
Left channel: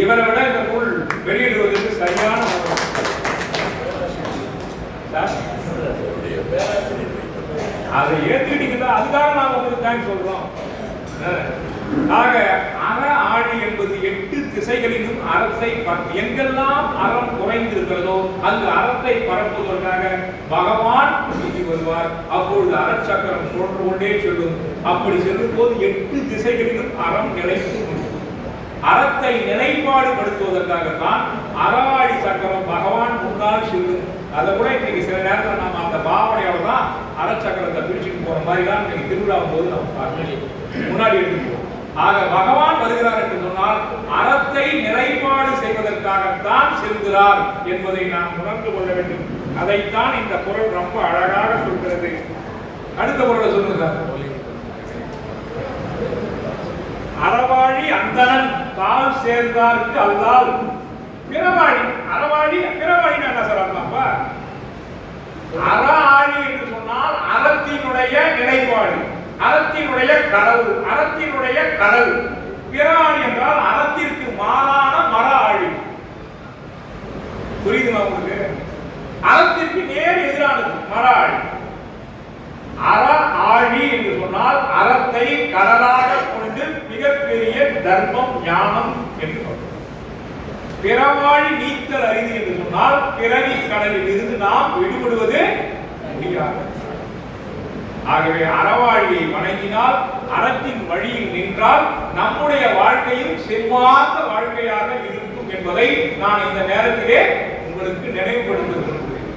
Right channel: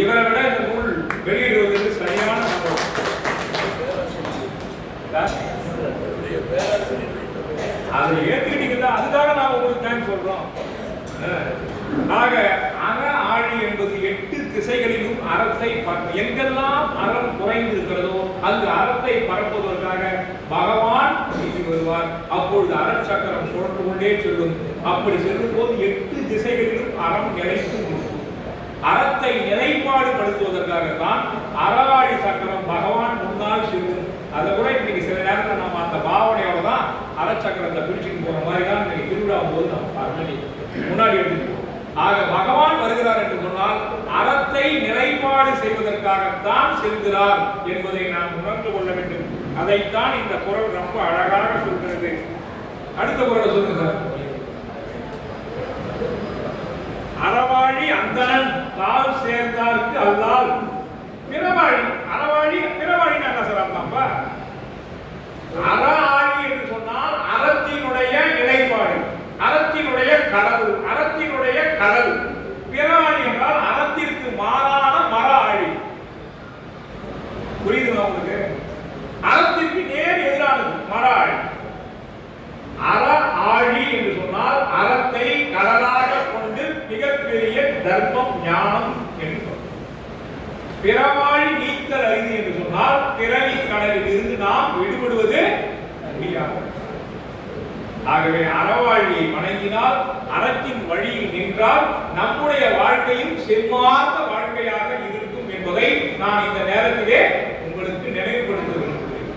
இவரை விட இந்த நூல் வெளியிடுவதற்கு சரியான அதை ஏத்துக்கிட்டீங்கன்னா அதுக்காக நாங்க உங்களுக்கு தேங்க்ஸ் சொல்றோம். ஆக அற ஆழி என்பது 8 திசைகளிலும் அறத்தை எங்கெல்லாம் அறம் குறைந்து இருக்கிறதோ அங்கு அறத்தை பரப்புவதற்காக பகவான் வீசி வருவார். அப்பொழுது அறச்சக்கரம் சுழன்று கொண்டே செல்லும். அப்படி செல்லும் போது 8 திசைகளிலும் அறம் நிலைத்து அறத்தை நிலைப்பாடுபடுத்துவதற்காகத்தான் அறாழி சக்கரம் பகவான் முன்னால் செல்லும். அதை கூட இன்னைக்கு சில நேரத்தில் நம்ம அந்த பாவனையோட தான் அறச்சக்கரத்தை பிடிச்சிட்டு போற மாதிரி தான் இன்னைக்கு திருவிழா போது நம்ம முன்னாடி எடுத்துக்கிறோம். ஆக பகவான் வருகிறார் என்று சொன்னால் அறத்தை நிலைப்பாடு செய்வதற்காகத்தான் செல்கிறார் என்பதை நாம் உணர்ந்து கொள்ள வேண்டும். அதைத்தான் இந்த குறள் ரொம்ப அழகாக சொல்கிறது. அடுத்த குறளை சொல்லுங்க. அறவாழி அந்தணன் தாள் சேர்ந்தார்க்கு அல்லால் பிறவாழி. அறவாழி பிறவாழின்னு என்ன சார் அர்த்தம்ப்பா? அற ஆழி என்று சொன்னால் அறத்தினுடைய நிலைப்பாடு, அறத்தினுடைய கடவுள், அறத்தினுடைய கடல். பிறவாழி என்றால் அறத்திற்கு மாறான மர ஆழி. புரியுதுமா உங்களுக்கு? அறத்திற்கு நேர் எதிரானது மர ஆழி. அற ஆழி என்று சொன்னால் அறத்தை கடலாக கொண்டு மிகப்பெரிய தர்மம் ஞானம் என்று சொல்றோம். பிறவாழி நீத்தல் அரிது என்று சொன்னால் பிறவி கடலில் இருந்து நாம் விடுபடுவது முடியாது. ஆகவே அறவாழியை வணங்கினால் அறத்தின் வழியில் நின்றால் நம்முடைய வாழ்க்கையும் செல்வார்ந்த வாழ்க்கையாக இருக்கும் என்பதை நான் இந்த நேரத்திலே உங்களுக்கு நினைவுபடுத்த விரும்புகிறேன்.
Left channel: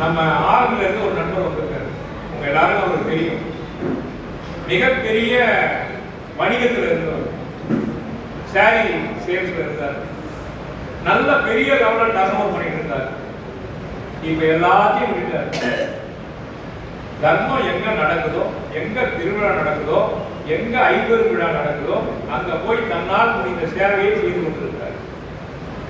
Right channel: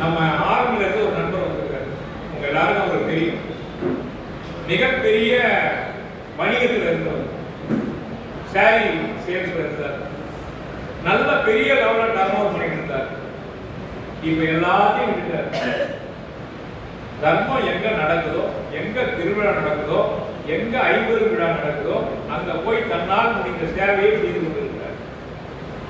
நம்ம ஆர்மில இருந்து ஒரு நண்பர் வந்திருக்காரு. உங்க எல்லாரும் அவருக்கு தெரியும். மிகப்பெரிய வணிகத்தில் இருந்தவர், சாரி சேல்ஸ்ல இருந்தார். நல்ல பெரிய லெவலில் டர்ன் ஓவர் பண்ணிட்டு இருந்தார். இப்ப எல்லாத்தையும் விட்டார். தர்மம் எங்க நடக்குதோ, எங்க திருவிழா நடக்குதோ, எங்க ஐம்பது விழா நடக்குதோ அங்க போய் தன்னால் முடிந்த சேவையை செய்து கொண்டிருக்கிறார்.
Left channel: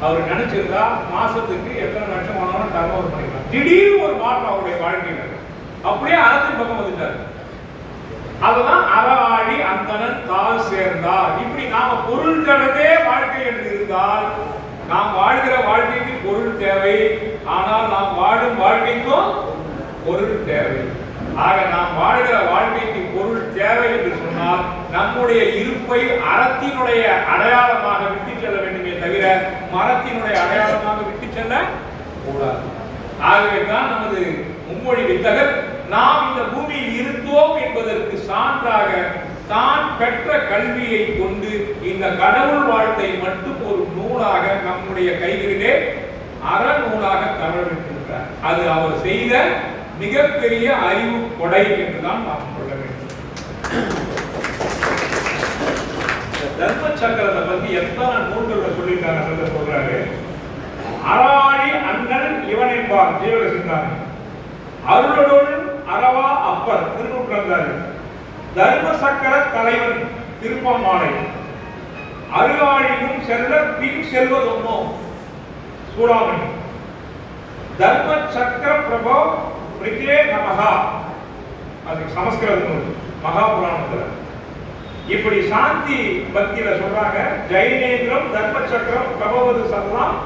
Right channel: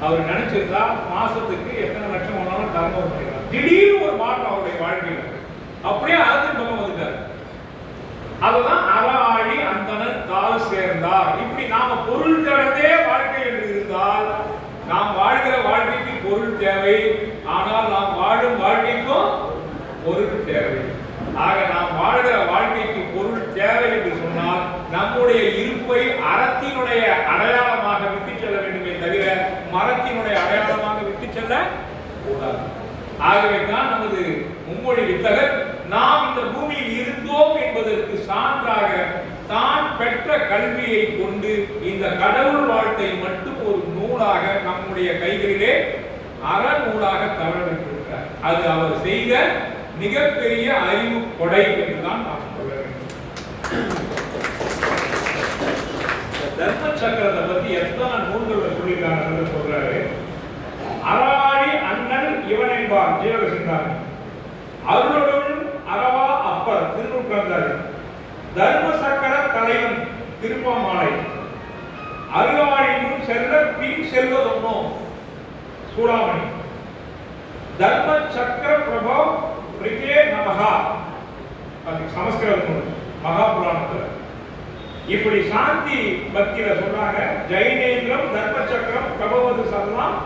அவர் நினைச்சிருந்தா மாசத்துக்கு எத்தனை லட்சம் ஆனாலும் டர்ன் ஓவர் பண்ணிக்கலாம். திடீர்னு ஒரு மாற்றம் அவருடைய வாழ்க்கையில் அப்படியே அறத்தின் பக்கம் வந்துட்டார். அதுதான் அறவாழி அந்தணன் தாள் சேர்ந்தார். இப்படி நாம பொருள் கடந்தே வாழ்க்கை என்று இருந்தால் நாம் வாழ்கிற வாழ்க்கைக்கு பொருள் தேவை, ஆனால் நாம் வாழும் வாழ்க்கைக்கும் பொருள் தேவை. ஆக நாம் வாழ்கிற வாழ்க்கைக்கு பொருள் தேவை என்று சொன்னால் நம்முடைய இருப்பை அறத்தினுடைய அடையாளமாக விட்டு செல்ல வேண்டுமே தவிர மரத்தினுடைய அடையாளமாக விட்டு செல்ல கூடாது. ஆகவே தான் நமது மும்மொழி வித்தகர் நாம் இந்த பூமியில் இருந்தோம் என்பதற்கு சான்றாக தான் பெற்ற கல்வியை கொண்டு இந்த கடவுள் வாழ்த்தை மட்டும் ஒரு நூலாக நம்முடைய கைகளிலே அறநூலாக தமிழ்விட்டிருக்கிறார். அது அவர் செய்த மிகப்பெரிய அறிவு கொடை என்றுதான் நாம் சொல்ல வேண்டும். தர்ம சக்கரத்தை பத்தி எத்தனை நூல்கள் சொல்லியிருக்காங்க சொல்றாரு. அறாழி அண்ணன் இவன் என்பார் ஜீவகசிந்தார். அருளுடன் அறவா அப்பர் திருநூற்றாண்டாரு. தர்ம சக்கர தலைவன் திருப்பமாலை. அருளாழியும் செல்ல பின் செல்வதொன்னோ சூடாமணி. தர்ம சக்கர பிரபோ பிரிகே நமஹா. அது சமஸ்கிருத மகாபுராணத்துல இப்படி சாந்தி பக்தியில சொல்றாங்க. ஜெயினேந்திரம் தர்ம சக்கரம் பிரபவது சதலாம்.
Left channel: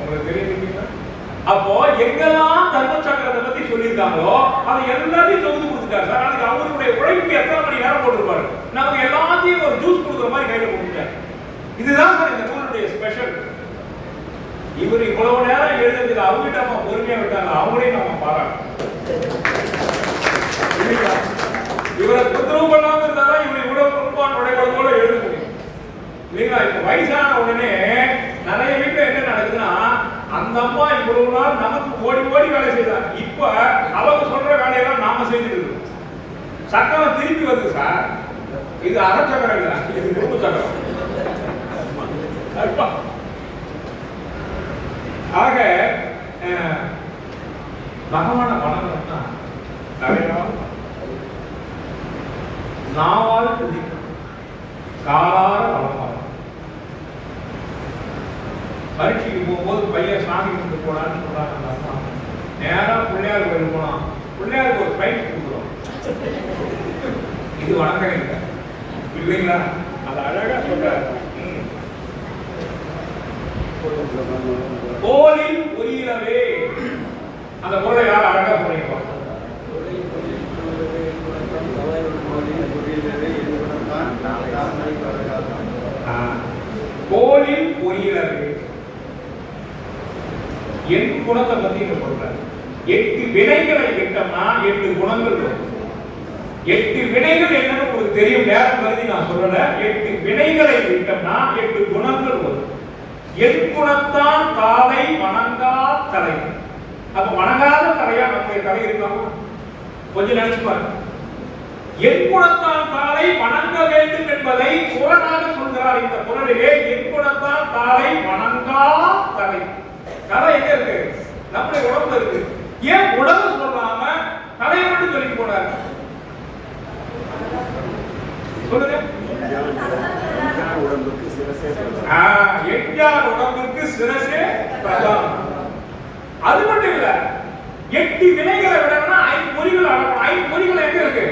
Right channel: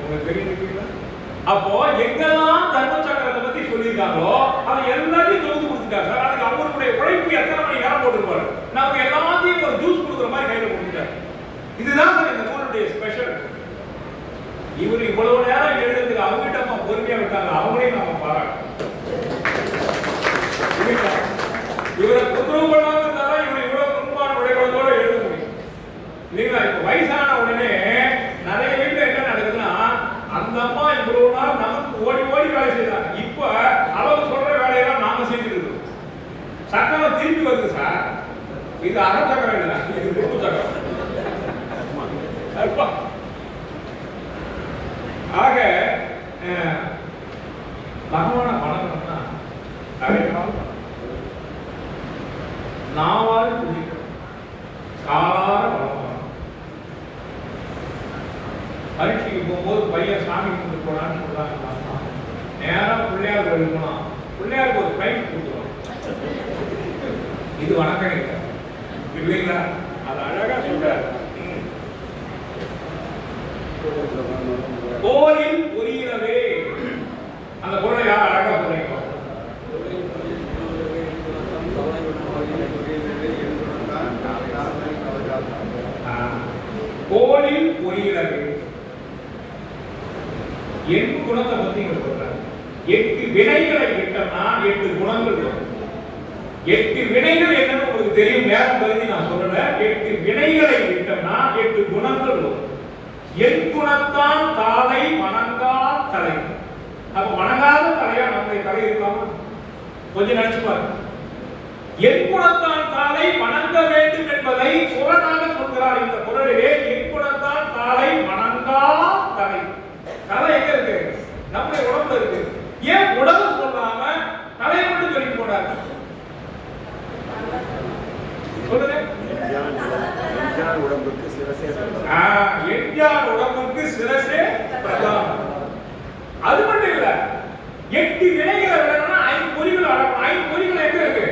உங்களுக்கு தெரியுங்களா? அப்போ எங்கெல்லாம் தர்ம சக்கரத்தை பத்தி சொல்லியிருக்காங்களோ அதை எல்லாத்தையும் தொகுத்து கொடுத்துட்டாரு சார். அதுக்கு அவருடைய உழைப்பு எத்தனை மணி நேரம் போட்டுருப்பாரு. நமக்கு எல்லாத்தையும் ஒரு ஜூஸ் கொடுக்குற மாதிரி கையில கொடுத்துட்டாரு. இதுதான் சார் இந்த நூலுடைய ஸ்பெஷல். இவர் இவ்வளவு நேரம் எழுதுறதுக்கு அவங்ககிட்ட நம்ம பொறுமையா விட்டாங்க. அவங்களையும் நம்ம பாராட்டணும். இவரை தொந்தரவு பண்ணாம இருந்தா இவர் இவ்வளவு குடும்பம் உடையதோட எழுத முடியும் இல்லைங்களா? இப்ப வயசான உடனே நிறைய வீட்டுல என்ன நடக்குதுன்னா, அந்த அம்மா இவ்வளவு நாள் நமக்கு ஓடி ஓடி வேலை செய்யறாங்க, இப்ப அவங்க சொல்ற வேலையெல்லாம் நாம செஞ்சுட்டு இருக்கோம். சக்கரம் திருப்பி வருது சார், இது அறச்சக்கரம் இல்லை, இது குடும்ப சக்கரம். ஆக பகவான வணங்கணும்னா நாவால் துதிக்கணும், காலார வணங்கணும். பரீட்சைக்கு போகும்போது பையன் சாமி கும்பிட்டு போனான்னு சொல்றாங்க, நேரம் பிள்ளையார் கோயில் போனா பிள்ளையாருக்கு ஒரு பைக் கொடுக்குறோம். இது வணக்கம் இல்லை இல்லைங்களா? அது அழகா சொல்றாரு. கோலில் பொரியலவே, அந்த பொருளை யார் அழகா சொல்றீங்க? கோலில் பொரியலவே, எட்டு குணத்தை பத்தி சொல்ற. 8 வினைகளை விட்டோம்னா 8 குணங்கள் வரும். 8 வினைகள் என்னன்னு உங்களுக்கு தெரியும், நேரம் பகுதி நான் சொல்லல. 8 வினைகளை விட்டோம்னா 8 குணங்கள் வரும். என் குணத்தான் காலை வணங்கா தலை. அப்ப வணங்காத தலையா நம்முடைய தலை இருக்காமா? கொஞ்சம் நினைச்சு பாருங்க. என் குணத்தான் காலை வணங்க வேண்டும் என்பதை புறனாக சொல்கிறார் இந்த குறளிலே. என் குணத்தான் காலை வணங்கா தலை. தலை எங்க இருக்கு? நம்முடைய உடம்புல இருக்கு. ஏன் உடம்பு சொல்லாம தலையை மட்டும் சொல்லிட்டு போனார்? சொல்லுங்க. உடம்புக்கு சிரசே பிரதானம். எஞ்சார் உடம்புக்கு சிரசே பிரதானம். அது மட்டும் இல்ல, 8 வினைகளை விடணும்னா 5 பொறிகள் அடக்கணும். 5 பொறிகள் எங்க இருக்கு?